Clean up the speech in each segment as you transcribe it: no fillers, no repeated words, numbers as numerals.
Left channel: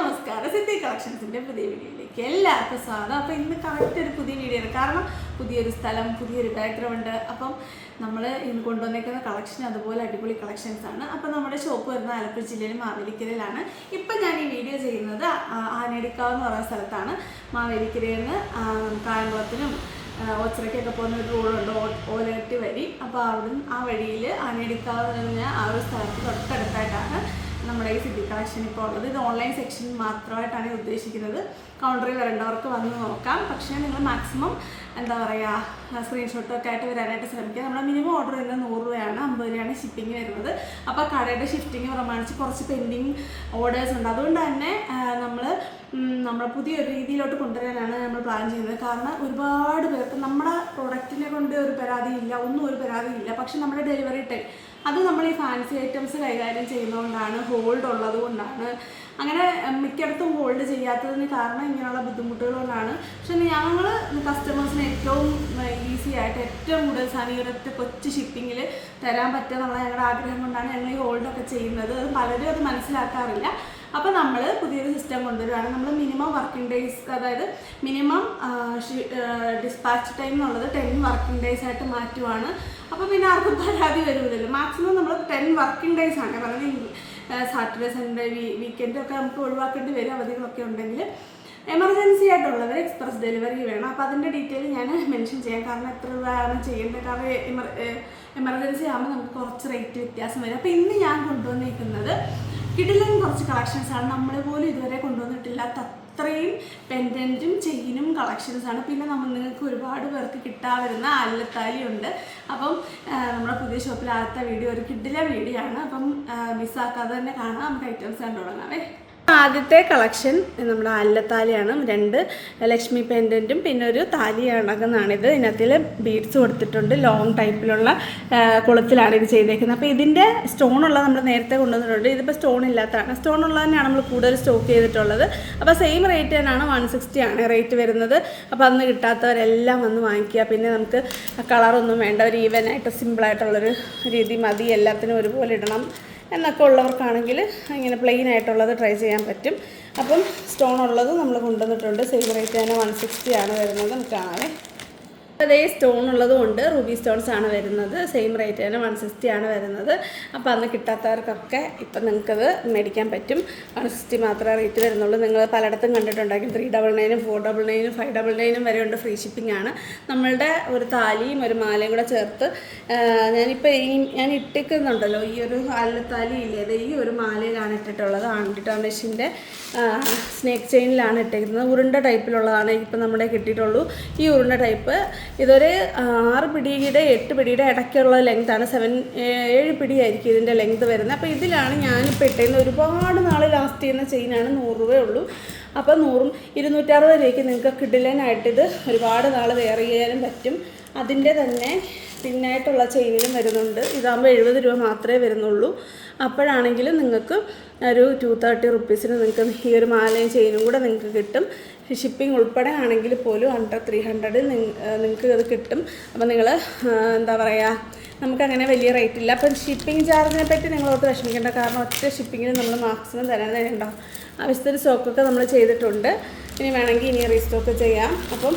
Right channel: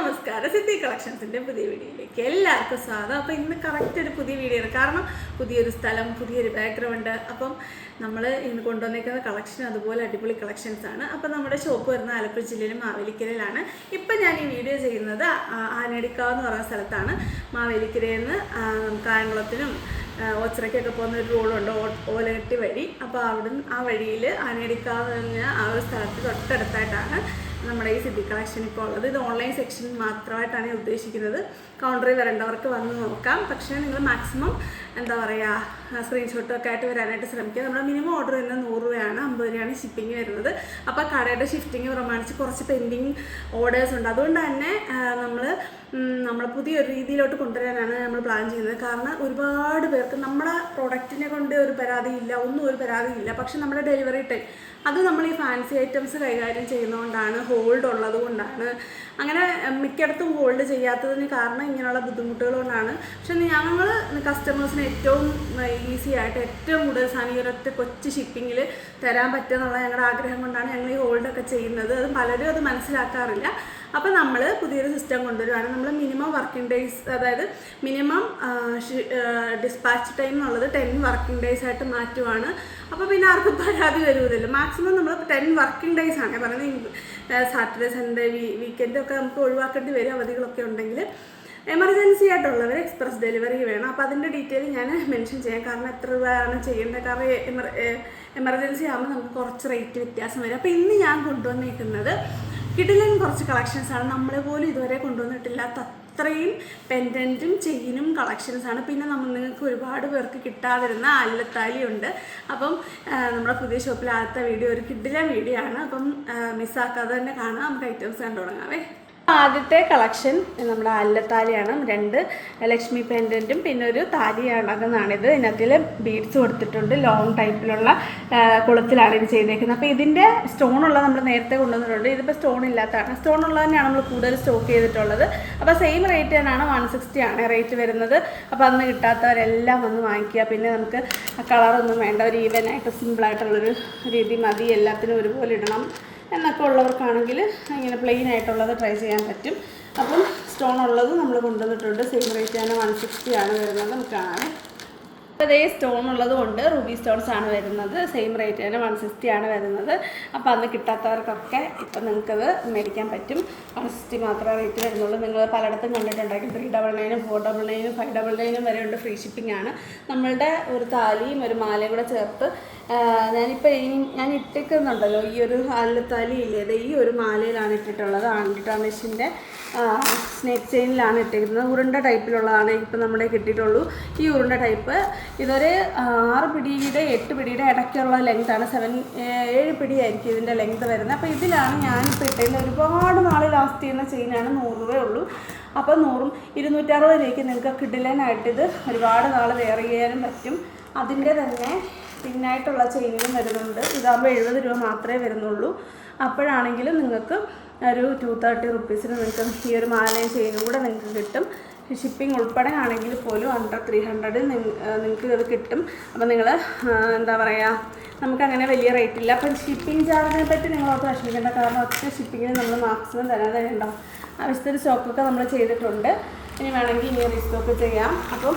നമസ്കാരം. സിദ്ധി കളക്ഷൻസിൻ്റെ പുതിയ വീഡിയോയിലേക്ക് എല്ലാവർക്കും സ്വാഗതം. അപ്പോൾ ഇന്ന് കറക്റ്റ് ഒരു പുതിയ വീഡിയോ ആണ്. കാരണം പുതിയൊരു സ്ഥലം, പുതിയൊരു ബാക്ക്ഗ്രൗണ്ട്. അപ്പം നമ്മൾ ഇന്ന് കൊണ്ടുവന്നേക്കുന്ന കളക്ഷൻ അതുപോലെ അടിപൊളി കളക്ഷൻസ് ആണ്. അപ്പം നമ്മുടെ ഷോപ്പ് വരുന്നത് ആലപ്പുഴ ജില്ലയിലെ മാവേലിക്കരയിലാണ്. ഇപ്പം ഞാൻ ഈ വീഡിയോ ചെയ്യുന്നത് ആനേടിക്കാവ് എന്ന് പറയുന്ന സ്ഥലത്താണ്. മാവേലിക്കരയിൽ നിന്ന് കായംകുളത്തിനും ഒച്ചറയ്ക്കൊക്കെ പോകുന്ന ഒരു റോഡുണ്ട്, ഓലകട്ടി വഴി. അപ്പോൾ അവിടുന്ന് ആ വഴിയിൽ ആനേടിക്കാവ് പറഞ്ഞ ആ ഒരു സ്ഥലത്ത് തൊട്ടടുത്തായിട്ടാണ് നമ്മുടെ ഈ സിദ്ധി കളക്ഷൻ ഇപ്പോൾ ഉള്ളത്. ഇത് ഓൺലൈൻ സെക്ഷൻ മാത്രമായിട്ടാണ് ഉദ്ദേശിക്കുന്നത്. കൗണ്ടറിൽ വരേണ്ടവർക്ക് വന്ന് നോക്കാം. പക്ഷേ നിങ്ങൾ മാക്സിമം എന്താ പറയുക, സ്ക്രീൻഷോട്ടൊക്കെ ആയിട്ട് വരാനായിട്ട് ശ്രമിക്കുക. നമ്മുടെ മിനിമം ഓർഡർ വരുന്നത് 100 രൂപയാണ്, 50 രൂപയാണ് ഷിപ്പിംഗ് വരുന്നത്. അപ്പോൾ കടയുടെ ഷിഫ്റ്റിംഗ് പ്രമാണിച്ച് കുറച്ച് പെൻഡിങ് ഓർഡേഴ്സ് ഉണ്ട്. അതുകൊണ്ട് തന്നെ നമ്മൾ പുതിയൊരു രീതിയിലോട്ട് കൊണ്ടുവരാനാണ് നമ്മൾ പ്ലാൻ ചെയ്യുന്നത്. കാരണം ഒരുപാട് പേർക്ക് നമ്മുടെ പ്രോഡക്റ്റിനെ കൊണ്ട് ഒരു പരാതിയില്ല, ഒന്നും ഒരു പരാതിയില്ല. പക്ഷെ നമ്മുടെ ഡെലിവറി ടൈം അത് നമ്മൾ ഈ ഫാൻസി ഐറ്റംസ് കൈകാര്യം ചെയ്യുന്നതുകൊണ്ടാണ്, ഹോൾഡ് ഉള്ളത് കൊണ്ടാണ്. അങ്ങനെ മിക്കയിടത്തും ഹോൾഡ് ചെയ്യാത്തതിന് കാരണം ഇങ്ങനെയുള്ള ബുദ്ധിമുട്ടുകൾ കൊണ്ടാണ്. പക്ഷെ ഞങ്ങൾ കസ്റ്റമേഴ്സിന് ഏറ്റവും ഈസി ആയിട്ട് ഏറ്റവും കൂടുതൽ സാധനം ഈ ഒരൊറ്റ കൊച്ചു ഷിപ്പിങ്ങിൽ തരാൻ പറ്റുക എന്നുള്ള ഞങ്ങളുടെ ആഗ്രഹം കൊണ്ടാണ് ഞങ്ങൾ ഈ ഹോൾഡൊക്കെ ചെയ്യുന്നത്. അത് പലരും അത് മനസ്സിലാക്കാറില്ല. അപ്പോൾ നമ്മൾ പുതിയൊരു സിസ്റ്റം കൊണ്ടുവരുവാണ്. നമ്മൾ മിനിമം വർക്കിംഗ് ഡേയ്സ്, അതായത് മിനിമം ഡിസ്പാച്ച് ടൈം എന്നുള്ളത് 10 വർക്കിംഗ് ഡേയ്സ് ആയിട്ട് മാറ്റുവാണ്. അപ്പോൾ പിന്നെ ആർക്കും പരാതി വരുമല്ലോ. മാക്സിമം നമ്മൾ 10 വർക്കിംഗ് ഡേയ്സ് ആണ് പറയുന്നത്. സാറ്റർഡേ, സൺഡേ, വീക്കെൻഡൊക്കെ നമുക്ക് ഒഴിവാക്കേണ്ടി വരും, അവധികളൊക്കെ ഉണ്ടെങ്കിൽ. എമർജൻസി ആയിട്ടുള്ളവർ എക്സ്പ്രസ് ഡെലിവറി വേണം. അപ്പോൾ അതിൻ്റെ ഡീറ്റെയിൽ ഞാൻ മെൻഷൻ ചെയ്യാം. കാരണം എത്ര രൂപയാണ് ചെയ്യേണ്ടത്. കാരണം എമർജൻസി ആകുമ്പോൾ നമുക്ക് കുറച്ച് റേറ്റ് വ്യത്യാസം വരും. അപ്പോൾ ഇന്ന് ഞാൻ കൊണ്ടുവന്നേക്കുന്നത് കിടിലൻ കുറച്ച് കളക്ഷൻസാണ്. നമ്മൾ പോലും ഇതുവരെ കൊണ്ടുവന്നിട്ടില്ലാത്ത അത്രയും പെൻഡൻറ്റും ചെയിനും കളക്ഷൻസാണ്. പിന്നെ നിങ്ങൾക്ക് ഒരുപാട് പേർക്ക് കിട്ടാതിരുന്ന അല്ലത്താലിയുണ്ട്. അപ്പം നമ്മുടെ പുതിയ ഷോപ്പിൽ ആദ്യത്തെ വീഡിയോ ഒരു കിടിലൻ വീഡിയോ ആണ്. അപ്പം മിസ്സാക്കാതെ തന്നെ കാണാം. നമുക്ക് ഐറ്റംസ് കണ്ടു തുടങ്ങാവേ. ആദ്യത്തെ കളക്ഷൻ നമ്മുടെ അല്ലത്താലിയാണ്. 2 ലക്ഷ്മി പെൻഡൻറ്റും പിന്നെ ഒരു താലി അടങ്ങുന്നതാണിത്. ഇതിനകത്തിൽ ബീഡ്സ് കൊടുത്തിട്ടുണ്ട്. ലോങ് ടൈപ്പിലുള്ള കുളത്തിലാണ് ഇത് ചെയ്തേക്കുന്നത്. അപ്പോൾ ഇതിൻ്റെ സ്റ്റോണുള്ളത് നമ്മൾ നേരത്തെ കൊണ്ടുവന്നിട്ടുണ്ട്. ഇതിപ്പോൾ സ്റ്റോൺ ഇല്ലാത്തതാണ്. സ്റ്റോൺ ഉള്ളത് തന്നെയാണ് നമ്മൾ കൂടുതൽ സ്റ്റോക്ക് ചെയ്തിട്ടുള്ളത്. അപ്പോൾ സെയിം റേറ്റ് തന്നെയാണ്, 160 ആണ് റേറ്റ് വരുന്നത്. അപ്പോൾ അന്ന് കിട്ടാത്തവരെല്ലാം വന്ന് വാങ്ങിക്കുക. പിന്നെ നമുക്ക് കളറൊന്നും വേണ്ട, ഒരു ഈവനായിട്ട് സിമ്പിളായിട്ടുള്ളൊരു രീതി മതി. എല്ലാത്തിനും ഒരുപോലെ ഇടണം എന്നൊക്കെ ഉള്ളവർക്കാണെങ്കിൽ ഇങ്ങനെ പ്ലെയിൻ ആയിട്ടുള്ളത് ട്രൈ ചെയ്യാൻ പറ്റും. അപ്പം സ്റ്റോൺ ഉള്ളത് നമ്മൾ കൊണ്ടുവന്നിട്ടുണ്ട്. സെയിം റേറ്റ് തന്നെ 160 ആണ് വരുന്നത്. നമുക്ക് കാണാൻ അതേ സ്റ്റോൺ ഉള്ളത് കൊണ്ട് റൂബി സ്റ്റോൺസ് ആണ് വരുന്നത്. സെയിം റേറ്റ് തന്നെ 160 ആണ് വരുന്നത്. അപ്പോൾ അന്ന് കിട്ടാത്തവർക്കൊക്കെ ഇപ്പം നിങ്ങൾക്കത് മേടിക്കാൻ പറ്റും. 160 മാത്രമേ റേറ്റ് വരുന്നുള്ളൂ. നിങ്ങൾ പലയിടത്തും കണ്ടിട്ടുണ്ടായിരിക്കും 399, 499, 599 വരെ ഉണ്ട്. ഫ്രീ ഷിപ്പിംഗ് ആണ്. നമ്മളുടെ ഒരു താലിയും ഒരു മാലയും കൂടെ ചേർത്ത് ഞാനിപ്പോൾ ഞാൻ ഇട്ടിക്കുന്നുണ്ടല്ലോ, ഈ ഒരു അല്ലത്താലി ഇല്ലേ, ഈ ഒരു മാലയിലാണ് ഇട്ടിട്ടുള്ളത്. ആൻറ്റിട്ടാമിഷിൻ്റെ സ്നേക്ക് ചെയിനിലാണ് ഇട്ടിരിക്കുന്നത്. ഉരുണ്ട ടൈപ്പിലുള്ളതാണ് ഇപ്പം നമ്മുടെ കിട്ടിയിട്ടുള്ളൂ. ഈ ഉരുണ്ട ടൈപ്പ് ഇതൊരു 6 പിടിയുടെ 8 പിടിയുടെ ഇടയ്ക്കുള്ള ലെങ്ത്താണ്. 7 പിടിയായിരിക്കും ഇതിൻ്റെ ലെങ്ത് വരുന്നത്. അപ്പോൾ ഇതിലാണ് ഞാനിപ്പോൾ ഇട്ടിരുന്നത്. ഒരുപാട് നാൾ ലാസ്റ്റ് ചെയ്യുന്ന ചെയിനാണ്. 100 രൂപയേ ഉള്ളൂ. അപ്പോൾ 100ഉം 260 രൂപയ്ക്ക് നിങ്ങൾക്ക് കിടിലനായിട്ടിത് ഒരുപാട് നാൾ വെയർ ചെയ്യാനും പറ്റും. അതിൻ്റെ തന്നെ പിന്നായിട്ടുള്ള ചെയിനും വരുന്നുണ്ട്. ഇതാകുമ്പോൾ 70 രൂപ മാത്രമേ വരുന്നുള്ളൂ. അപ്പോഴാണെങ്കിലും നിങ്ങൾക്ക് ഒരു 230 റുപ്പീസിന് നിങ്ങൾക്ക് ഈ ഒരു മാലയും ചെയിനും കൂടെ നിങ്ങൾക്ക് കിട്ടും. ഷിപ്പിംഗ് ഉൾപ്പെടെ ആണെങ്കിൽ പോലും അണ്ടർ 300 നിങ്ങൾക്ക് അത് കിട്ടും. അപ്പോൾ നിങ്ങൾ എന്താ പറയുക, നമുക്കങ്ങനെ വലിയ റേറ്റ് ഇല്ല. അപ്പം ഷിപ്പിംഗ് ചാർജിനെ പറ്റി നിങ്ങളോർത്ത് വിഷമിക്കേണ്ട. കാരണം ഒറ്റ ഷിപ്പിങ്ങിന് നമ്മൾ മാക്സിമം തരാതെ ഉണ്ടാവും. ആവശ്യത്തിന് സ്റ്റോക്കൊക്കെ നമ്മൾ ചെയ്തിട്ടുണ്ട്. ഇനി വേണമെങ്കിൽ ഇനി റീസ്റ്റോക്ക് ചെയ്യാം. അപ്പം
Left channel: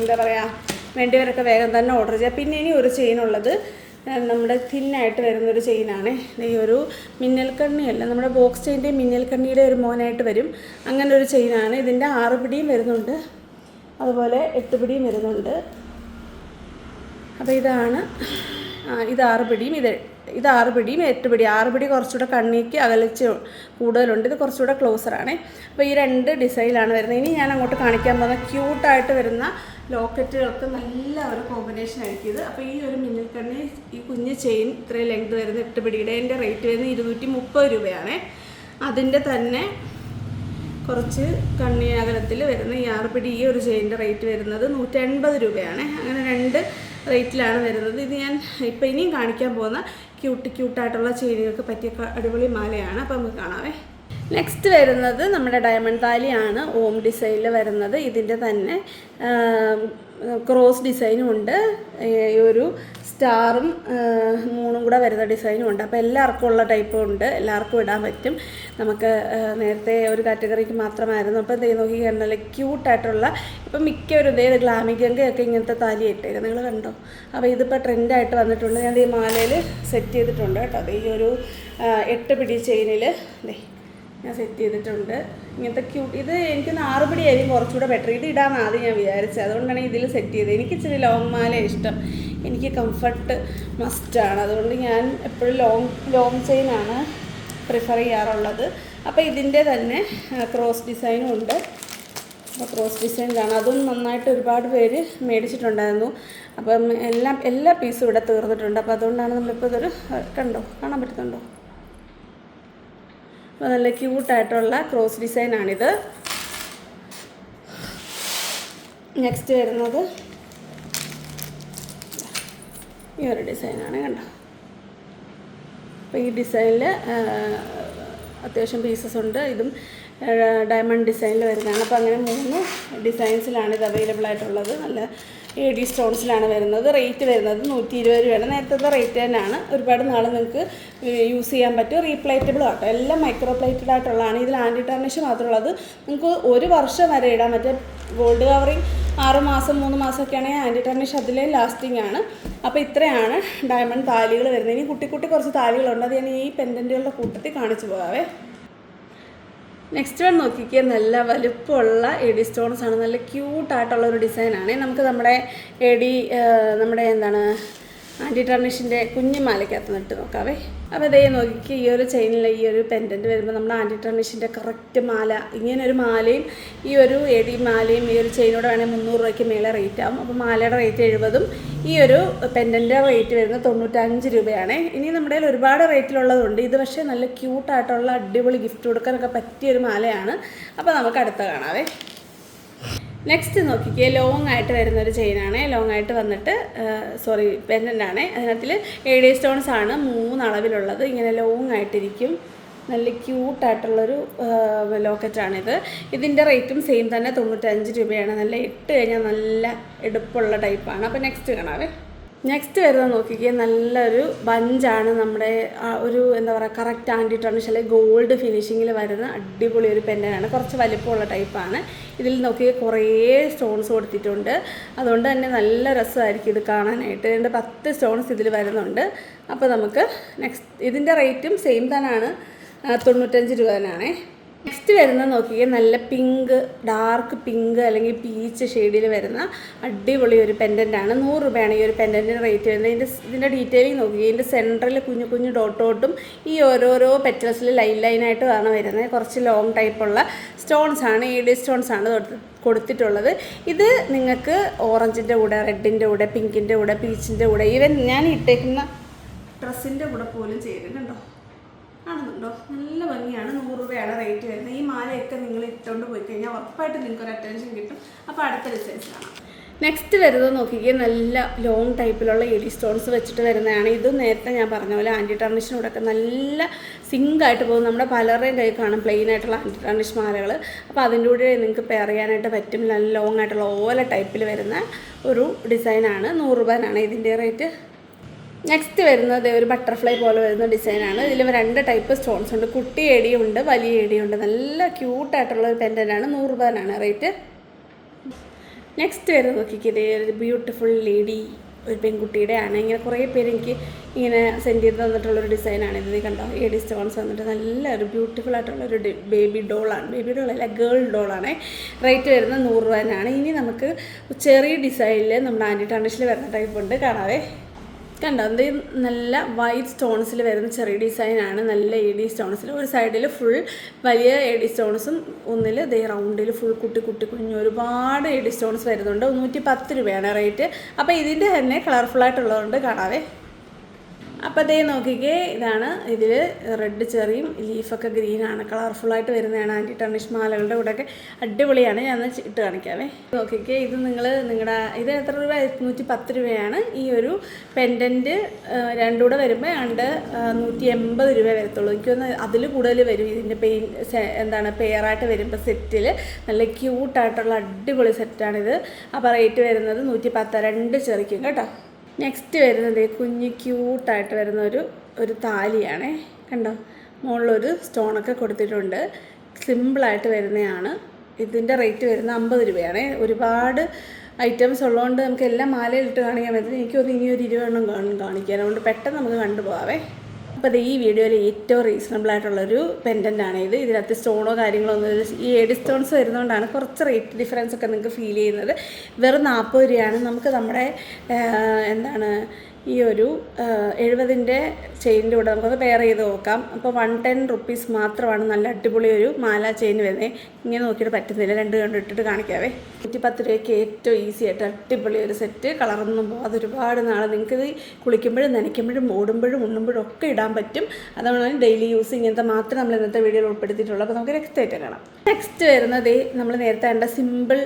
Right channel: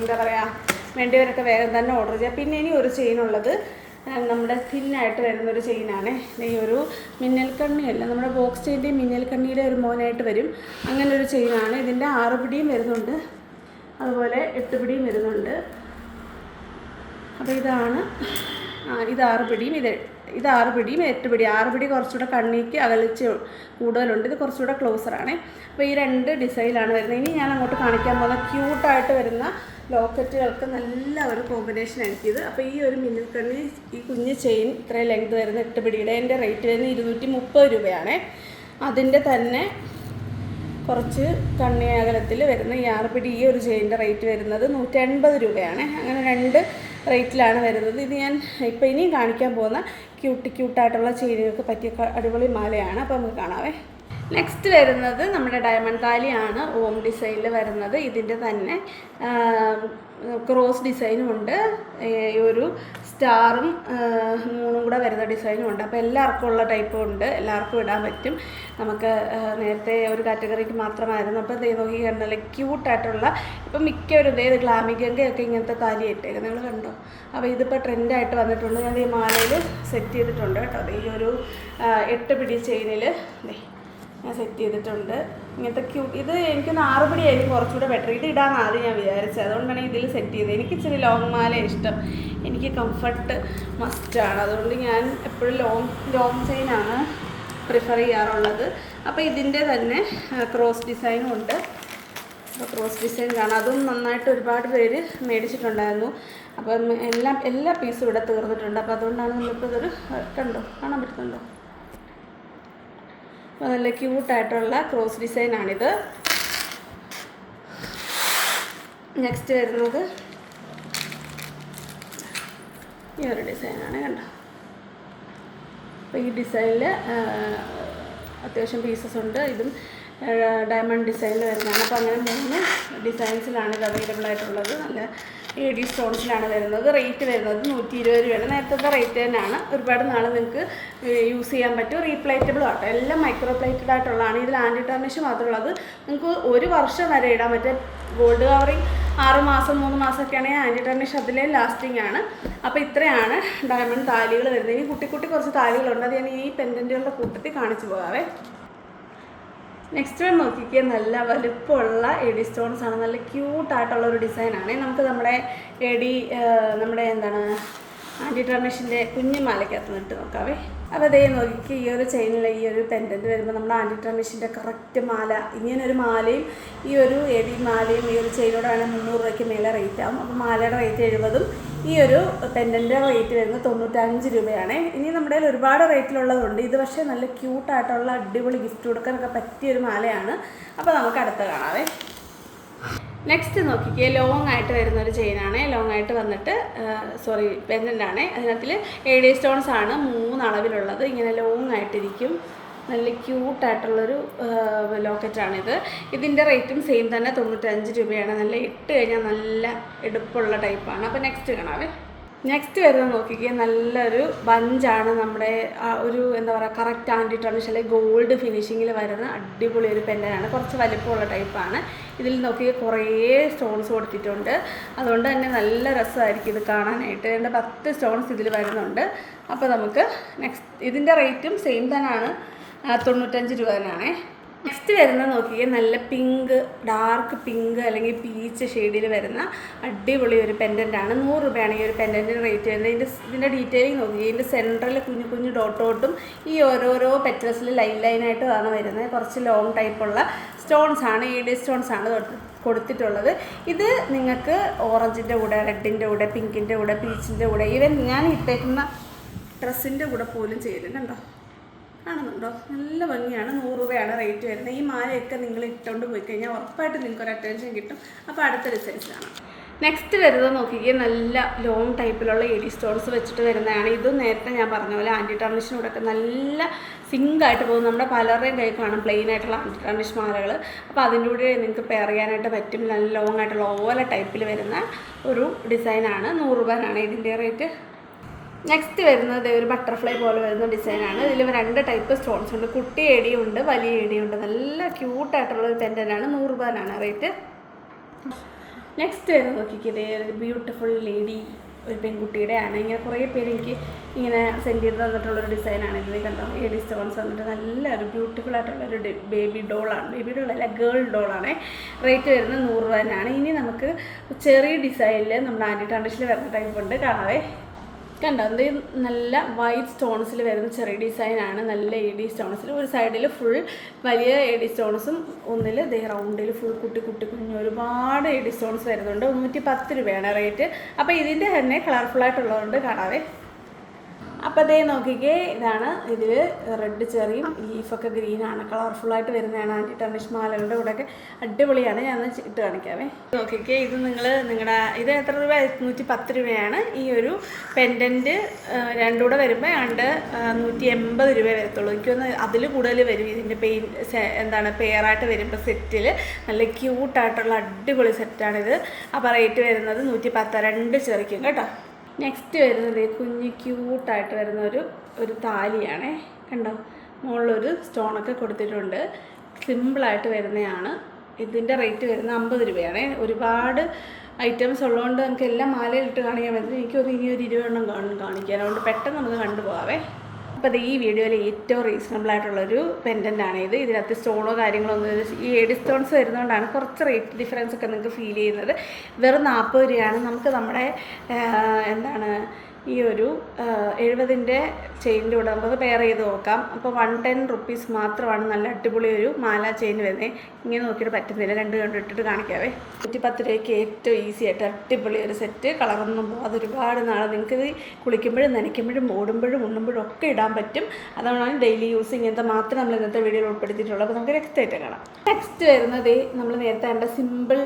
എന്താ പറയുക, വേണ്ടിയവരൊക്കെ വേഗം തന്നെ ഓർഡർ ചെയ്യാം. പിന്നെ ഇനി ഒരു ചെയിനുള്ളത് നമ്മുടെ തിന്നായിട്ട് വരുന്നൊരു ചെയിനാണ്. ഈ ഒരു മിന്നൽക്കണ്ണിയല്ല, നമ്മുടെ ബോക്സ് ചെയിൻ്റെ മിന്നൽക്കണ്ണിയുടെ ഒരു മോനായിട്ട് വരും. അങ്ങനെ ഒരു ചെയിനാണ്. ഇതിൻ്റെ 6 പിടിയും വരുന്നുണ്ട്, അതുപോലെ 8 പിടിയും വരുന്നുണ്ട്. അപ്പോൾ ഇതാണ് ഇത് 6 പിടിയും, ഇത് 6 പിടിയും 8 പിടി. 6 പിടി കുറച്ചുകൂടെ കണ്ണിക്ക് അകലിച്ച് കൂടുതലുണ്ട്. ഇത് കുറച്ചുകൂടെ ക്ലോസറാണ്. അപ്പോൾ ഈ 2 ഡിസൈനിലാണ് വരുന്നത്. ഇനി ഞാൻ അങ്ങോട്ട് കാണിക്കാൻ പോകുന്ന ക്യൂട്ടായിട്ട് വരുന്ന ലോക്കറ്റുകൾക്ക് നല്ല ഒരു കോമ്പിനേഷൻ ആയിരിക്കും ഇത്. അപ്പോൾ ഈ ഒരു മിന്നൽക്കണ്ണി, ഈ കുഞ്ഞ് ചെയിൻ ഇത്രയും ലെങ്ത് വരുന്ന 8 പിടിയുടെ എൻ്റെ റേറ്റ് വരുന്നത് 230 രൂപയാണ്. അതിൻ്റെ തന്നെ കുറച്ച് കണ്ണി അകലത്തിൽ വരുന്ന ഈ 6 പിടി ഈ ഒരു ചെയിൻ്റെ റേറ്റ് വരുന്നത് 180 രൂപയാണ്. അങ്ങനെ 2 റേറ്റിലാണ് വരുന്നത്. ഇത് ഞാൻ ഇപ്പോൾ ഇനിയും കാണിക്കാൻ പോകുന്ന ക്യൂട്ടായിട്ടുള്ള ചെയിനുകൾക്ക് പറ്റിയ അടിപൊളി മാലയാണ്. അപ്പോൾ നമുക്ക് കാണാവേ. നെക്സ്റ്റ് വരുന്നത് നമ്മുടെ ഡയമണ്ട് താലിയാണ് ഓം ഡിസൈനിൽ വരുന്നത്. ഇതിൻ്റെ തന്നെ ക്രോസ് ഡിസൈനും ഉണ്ട്, ഒരു സ്റ്റാറും മൂന്നും കൂടെ വരുന്ന ഡിസൈനും ഉണ്ട്. അപ്പോൾ എല്ലാവർക്കും ഉള്ള ടൈപ്പും ഉണ്ട്, എല്ലാവർക്കും ഇടാൻ പറ്റും. നമുക്ക് നേരത്തെ ഒരു കാറ്റഗറിക്ക് മാത്രമായിരുന്നു. അപ്പോൾ ഇതേ നോക്കി കണ്ടല്ലേ ക്യൂട്ടായിട്ടുള്ള, ഇപ്പം മിക്കവരും ഇതേ ഗ്ലാമികയൊക്കെ ഇങ്ങനത്തെ താലി ഇട്ടേക്കും, നിങ്ങൾ കണ്ടോ. അപ്പോൾ ഇതിപ്പോൾ ട്രെൻഡായിട്ട് വന്നിട്ടുണ്ട്. ഞാൻ ഈ മാലയിൽ സെറ്റ് ചെയ്തിട്ടുണ്ട് കേട്ടോ. അത് ഈ ഒരു 8 പിടി ചെയിനിൽ ഞാൻ സെറ്റ് ചെയ്തിട്ടുണ്ട്. ഇങ്ങനത്തെ ക്യൂട്ട്, ഇത് എനിക്കൊന്ന് 6 പിടി ആയിരിക്കും കുറച്ചുകൂടെ ബെറ്റർ. ഇത് ഇടാമെന്ന് ആദ്യം ഞാൻ വിചാരിച്ചത്, അതുകൊണ്ടാണ് ഇതിൽ സെറ്റ് ചെയ്തത്. എനിക്ക് ഇച്ചിരി ലോങ് മാല ഇഷ്ടം, എനിക്ക് കംഫർട്ട് മസ്റ്റാണ്. അതുകൊണ്ട് ഞാൻ എപ്പോഴും ലോങ് ചെയിനാണ് പ്രിഫർ ചെയ്യാറുള്ളത്. അപ്പോൾ ഇതിൻ്റെ തന്നെ ക്രോസ് ഡിസൈനും ഉണ്ട്. അപ്പോൾ ക്രോസ് ഡിസൈൻ കാണാം, അതും നന്നായിട്ട് ഒരുപാട് പേര് മേടിച്ചിട്ടുണ്ടായിരുന്നു. അപ്പം എല്ലാ പീസും ഇവിടെ തീർന്നിട്ടുണ്ട്. അപ്പോൾ അതുകൊണ്ടാണ് നമ്മളിപ്പോൾ ഇതൊരു കാണാൻ പറ്റുന്നുണ്ടോ. അപ്പോൾ നല്ല ക്യൂട്ടായിട്ടുള്ള ക്രോസ് ഡിസൈനാണിത്. നെക്സ്റ്റ് വരുന്നത് ഈ ഒരു ഡിസൈനാണ്, കണ്ടോ. അപ്പോൾ ഈ ഡിസൈനിൽ അത്യാവശ്യം പീസസ് ഉണ്ട്. ഇതും ഡയമണ്ട് ഡിസൈനിൽ വരുന്നതാണ്. അപ്പോൾ അങ്ങനെ 3 ഡിസൈൻസിലാണ് ഇത് അവൈലബിൾ ആയിട്ടുള്ളത്. നല്ല AD സ്റ്റോൺസിലാണ് വരുന്നത്. റേറ്റ് വരുന്നത് 120 രൂപയാണ്. നേരത്തെ റേറ്റ് തന്നെയാണ്. ഒരുപാട് നാൾ നിങ്ങൾക്ക് യൂസ് ചെയ്യാൻ പറ്റും. റീപ്ലേറ്റബിളും ആട്ടോ, എല്ലാം മൈക്രോ പ്ലേറ്റഡ് ആയിട്ടുള്ളതാണ്. ഇതിൽ ആൻറ്റി ടാർണിഷ് മാത്രമുള്ളത്. നിങ്ങൾക്ക് 1 വർഷം വരെ ഇടാൻ പറ്റും. ഗോൾഡ് കവറിങ് 6 മാസം 3 മാസമൊക്കെ ആണെങ്കിൽ ആൻറ്റി ടാർണിഷ് അതിലേ ലാസ്റ്റിംഗ് ആണ്. അപ്പോൾ ഇത്രയാണ് ഡയമണ്ട് താലികൾ വരുന്നത്. ഇനി കുട്ടി കുറച്ച് താലികളുണ്ട്, അത് ഞാൻ ഈ പെൻഡൻറ്റുകളുടെ കൂട്ടത്തിൽ കാണിച്ചു പോകാവേ. നെക്സ്റ്റ് വൺ നോക്കിക്കേ, നല്ല വലുപ്പമുള്ള AD സ്റ്റോൺസ് ആണ്. നല്ല ക്യൂട്ടായിട്ടുള്ളൊരു ഡിസൈനാണ്. നമുക്ക് നമ്മുടെ നമ്മുടെ എന്താണ് ആൻറ്റി ടാർണിഷിൻ്റെ കുഞ്ഞുമാലയ്ക്കകത്ത് നിട്ട് നോക്കാവേ. അപ്പോൾ അതേ നോക്കിക്ക്, ഈ ഒരു ചെയിനിൽ ഈ ഒരു പെൻഡൻറ്റ് വരുമ്പോൾ നമ്മുടെ ആൻറ്റി ടാർണിഷിൻ്റെ കറക്റ്റ് മാല, ഇങ്ങനൊരു മാലയും ഈ ഒരു AD മാലയും ഈ ഒരു ചെയിനോടെ വേണമെങ്കിൽ 300 രൂപയ്ക്ക് മേലെ റേറ്റ് ആവും. അപ്പോൾ മാലയുടെ റേറ്റ് 70ഉം ഈ ഒരു പെൻഡൻ്റെ റേറ്റ് വരുന്നത് 95 രൂപയാണ്. ഇനി നമ്മുടെ കയ്യിൽ ഒരുപാട് റേറ്റിലുള്ളതുണ്ട്. ഇത് പക്ഷേ നല്ല ക്യൂട്ടായിട്ടുള്ള അടിപൊളി ഗിഫ്റ്റ് കൊടുക്കാനൊക്കെ പറ്റിയൊരു മാലയാണ്. അപ്പോൾ നമുക്ക് അടുത്ത കാണാവേ. നെക്സ്റ്റ് നോക്കിക്കേ, ലോങ് ആയിട്ട് വരുന്നൊരു ചെയിനാണ്. ലോങ് ആയിട്ട് വന്നിട്ട് പെൻഡൻ്റാണ്. അതിനകത്തിൽ AD സ്റ്റോൺസ് ആണ് 3 അളവിലുള്ളത്. ഇങ്ങനെ ലോങ് ആയിട്ടിരിക്കും. നല്ല ക്യൂട്ടായിട്ടുള്ളൊരു ലോക്കറ്റാണിത്. ഇതിൻ്റെ റേറ്റും സെയിം തന്നെ 95 രൂപയാണ്. നല്ല ഇട്ട് കഴിഞ്ഞാൽ നല്ല എടുപ്പുള്ള ടൈപ്പാണ്. അപ്പോൾ നെക്സ്റ്റ് കാണാവേ. നെക്സ്റ്റ് വരുന്നത് നോക്കിക്കുക, നല്ലൊരു ബഞ്ചാണ്. നമ്മുടെ ഒരു എന്താ പറയുക കറക്റ്റ് ആൻറ്റി ടാർണിഷ് അല്ലെങ്കിൽ ഗോൾഡ് ഫിനിഷിങ്ങിൽ വരുന്ന അടിപൊളി ഒരു പെൻഡനാണ്. കുറച്ച് വലിപ്പമുള്ള ടൈപ്പാണ്. ഇതിൽ നോക്കിയാൽ കുറേ സ്റ്റോൺസ് കൊടുത്തിട്ടുണ്ട്. അതുകൊണ്ട് തന്നെ നല്ല രസമായിരിക്കും ഇത് കാണാനായിട്ട്. 10 സ്റ്റോൺസ് ഇതിൽ വരുന്നുണ്ട്. അപ്പോൾ നമുക്ക് ഇതിൻ്റെ റേറ്റും സെയിം തന്നെയാണ്, 95 രൂപ തന്നെയാണ്. നെക്സ്റ്റ് വരുന്നത് നോക്കിയാൽ നല്ല പിങ്ക്, ഡാർക്ക് പിങ്ക് അല്ലെങ്കിൽ പീച്ച് ഷെയ്ഡിൽ വരുന്ന അടിപൊളി ഒരു പെൻഡൻ്റാണ്. 100 രൂപയാണ് ഈ ഒരു പെൻഡൻറ്റിൻ്റെ റേറ്റ് വരുന്നത്. ഇതിൻ്റെ ഡീറ്റെയിലിംഗ് നോക്കിയാൽ ഇതിൻ്റെ സെൻറ്ററിൽ കുഞ്ഞു ഡോട്ടോട്ടും ഈ ഓരോരോ പെറ്റൽസിൽ ലൈനായിട്ട് ആണ് വരുന്നത്. കുറച്ച് ലോങ് ടൈപ്പുള്ള സ്റ്റോൺസ് ആണ്, AD സ്റ്റോൺസ് ആണ് കൊടുത്തിട്ടുള്ളത്. ഇത് നിങ്ങൾക്ക് ഓറഞ്ചിൻ്റെ കൂടെ, റെഡിൻ്റെ കൂടെ, പിങ്കിൻ്റെ കൂടെ, പീച്ചിൻ്റെ കൂടെ, ഈവൻ ഞാൻ ഇട്ടേക്കുന്ന ഡ്രസ്സിൻ്റെ കൂടെ പോലും ചെയ്തിട്ടുണ്ടോ, കാണുന്നുണ്ടോ? നല്ല ഭംഗിയാണ്. 100 രൂപയാണ് റേറ്റ് വരുന്നത്. ഈ മാലയൊക്കെ നിങ്ങൾ ഇട്ടുകൊണ്ട് പോയി കഴിഞ്ഞാൽ ഉറപ്പായിട്ട് നിങ്ങൾക്കൊരു അറ്റൻഷൻ കിട്ടും. അപ്പോൾ അടുത്ത ഡിസൈൻസ് കാണാം. നെക്സ്റ്റ് വരുന്നത് നോക്കിക്കുക, നല്ല ലോങ് ടൈപ്പിലുള്ള AD സ്റ്റോൺസ് വെച്ചിട്ട് വരുന്നതാണ്. ഇത് നേരത്തെ ഞാൻ പറഞ്ഞ പോലെ ആൻറ്റി ടാർണിഷിനോടൊക്കെ നല്ല സിങ്കായിട്ട് പോകും. നമ്മുടെ പലരുടെയും കൈ കാണും പ്ലെയിൻ ആയിട്ടുള്ള ആൻറ്റി ടാർണിഷ് മാലകൾ. അപ്പോൾ അതിൻ്റെ കൂടെ നിങ്ങൾക്ക് പെയർ ചെയ്യാനായിട്ട് പറ്റും. നല്ല ലോങ് ആയിട്ടുള്ള ഓല ടൈപ്പിൽ വരുന്ന ഒരു ഡിസൈനാണ്. 100 രൂപയാണ് ഇതിൻ്റെ റേറ്റ്. നെക്സ്റ്റ് വരുന്നത് ഒരു ബട്ടർഫ്ലൈ പോലെ വരുന്ന ഡിസൈനാണ്. ഇതിൽ 2 ടൈപ്പ് സ്റ്റോൺസ് ഉണ്ട്. കുട്ടി AD ഉണ്ട്, വലിയ AD ഉണ്ട്. നല്ല ക്യൂട്ടായിട്ടുള്ള ഒരു പെൻഡൻ്റാണ്. 100 രൂപയാണ് റേറ്റ്. നെക്സ്റ്റ് വരുന്നത് നോക്കിക്കത് ബ്യൂട്ടിഫുൾ ലേഡി, ഒരു പെൺകുട്ടിയുടെ ആണ്. ഇങ്ങനെ കുറേ പേര് എനിക്ക് ഇങ്ങനെ സെൻഡ് ചെയ്ത് തന്നിട്ടുള്ളൊരു ഡിസൈനാണ്. ഇത് കണ്ടോ, AD സ്റ്റോൺസ് വന്നിട്ട് നല്ലൊരു ബ്യൂട്ടിഫുൾ ആയിട്ടുള്ളൊരു ബേബി ഡോളാണ്. ബേബി ഡോളല്ല, ഗേൾ ഡോളാണ്. റേറ്റ് വരുന്നത് 100 രൂപ തന്നെയാണ്. ഇനി നമുക്ക് ചെറിയ ഡിസൈനിൽ നമ്മുടെ ആൻറ്റി ടാർണിഷിൽ വരുന്ന ടൈപ്പ് ഉണ്ട്, കാണാവേ. കണ്ടോ, ഇത് നല്ല വൈറ്റ് സ്റ്റോൺസിൽ വരുന്ന ചെറിയ ഡിസൈനാണ്. നല്ല AD സ്റ്റോൺസിൽ ഒരു സൈഡിൽ ഫുൾ വലിയ AD സ്റ്റോൺസും ഒന്നിൽ ദേ റൗണ്ടിൽ ഫുൾ കുഞ്ഞു ഒരുപാട് AD സ്റ്റോൺസ് വരുന്നുണ്ട്. 110 രൂപയാണ് റേറ്റ്. അപ്പോൾ ഇതിൻ്റെ തന്നെ കളർഫുള്ളായിട്ടുള്ളതുകൊണ്ട് കാണാവേ. അപ്പോൾ അതേ നോക്കിക്കേ, ഇതാണ്. ഇതിൽ റെഡ് ചെറിയും ലീഫൊക്കെ ഗ്രീനാണ്, കളർഫുള്ളായിട്ട് വരുന്നതാണ്. ആൻറ്റി ടർണിഷ് മാലകളുടെ കൂടെയൊക്കെ അടിപൊളിയാണ്. ഞാൻ ഇട്ട് കാണിക്കാവേ. നോക്കിക്കേ, ഇത് നിങ്ങളുടെ ഇത് എത്ര രൂപ? 110 രൂപയാണ്. ഈ ഒരു പെൻഡൻറ്റ് രണ്ടുകൂടെ വരുമ്പോൾ 180 രൂപ വരത്തുള്ളൂ. എനിക്കൊന്ന് അതിൽ കൂടുതൽ വരും. ഇതിൻ്റെ പെയറായിട്ട് വരുമ്പോൾ സെറ്റിൽ നല്ല ക്യൂട്ടായിട്ടുള്ള അടിപൊളി സെറ്റാണിത്. അപ്പോൾ റേറ്റ് വരുന്നത് 110, 2 ചെറിക്കും കേട്ടോ. നെക്സ്റ്റ് വരുന്നത് കുഞ്ഞ് ക്യൂട്ടായിട്ട് വരുന്ന ഒരു താലിയാണേ. കണ്ടോ, മുകളിലൊരു സ്റ്റോണൊക്കെ കൊടുത്തിട്ടുണ്ട്. സിമ്പിളായിട്ട് വരുന്നതാണ്. ഇതിൻ്റെ റേറ്റ് വരുന്നത് 50 രൂപയാണ്. ഒരുപാട് ഐറ്റംസ് ഉള്ളതുകൊണ്ട് നമുക്ക് എല്ലാം മാലയിലിട്ട് കാണിക്കാൻ പറ്റും. എനിക്കൊന്ന് ഇനി ഒരു 20 എണ്ണം കാണിക്കാൻ, അതുകൊണ്ട് പെട്ടെന്ന് നമുക്ക് കണ്ടുപോകാവേ. അപ്പോൾ ഈ വീഡിയോയിൽ ഏറ്റവും റീസണബിൾ ആയിട്ടുള്ളൊരു പെൻഡൻ്റാണ് ഇത്. ഇതിനകത്ത് സ്റ്റോണോ കാര്യങ്ങളോ ഒന്നും, ഈ എഡി സ്റ്റോൺസ് വരുന്നതുകൊണ്ടാണ് കുറച്ച് റേറ്റ് ഡിഫറൻസ് ഒക്കെ നിങ്ങൾക്ക് ഫീൽ ചെയ്യുന്നത്. വെറും 40 രൂപയാണ്. നമുക്ക് നമ്മുടെ ഈ ഒരു 70ൻ്റെ ചെയിനിൻ്റെ കൂടെ നമുക്കത് പെയർ ചെയ്ത് നോക്കാം. അപ്പോൾ 110 റുപ്പീസ് മാത്രമാണ് നല്ല അടിപൊളി ഒരു മാല ചെയിൻ വരുന്നത്. ഇങ്ങനെ നോക്കിയിട്ട് പറ്റുന്നില്ല, 2 കണ്ട് ഇട്ടിട്ട് കാണിക്കാവേ. 110 രൂപയ്ക്ക് ഏറ്റവും ഈസി ആയിട്ട് അടിപൊളി ഒരു സെറ്റ്. കളറൊന്നും പോകാതെ ഒരുപാട് നാൾ നിങ്ങൾക്കിത് കുളിക്കുമ്പോഴും നനയ്ക്കുമ്പോഴും ഓടുമ്പോഴും ഉണ്ണുമ്പോഴും ഒക്കെ ഇടാൻ പറ്റും. അതുകൊണ്ടാണ് ഡെയിലി യൂസ് ഇങ്ങനത്തെ മാത്രം നമ്മൾ ഇന്നത്തെ വീഡിയോയിൽ ഉൾപ്പെടുത്തിയിട്ടുള്ളത്. അപ്പോൾ നമുക്ക് നെക്സ്റ്റ് ആയിട്ട് കാണാം. നെക്സ്റ്റ് വരുന്നത് നമ്മൾ നേരത്തെ കണ്ട സിമ്പിൾ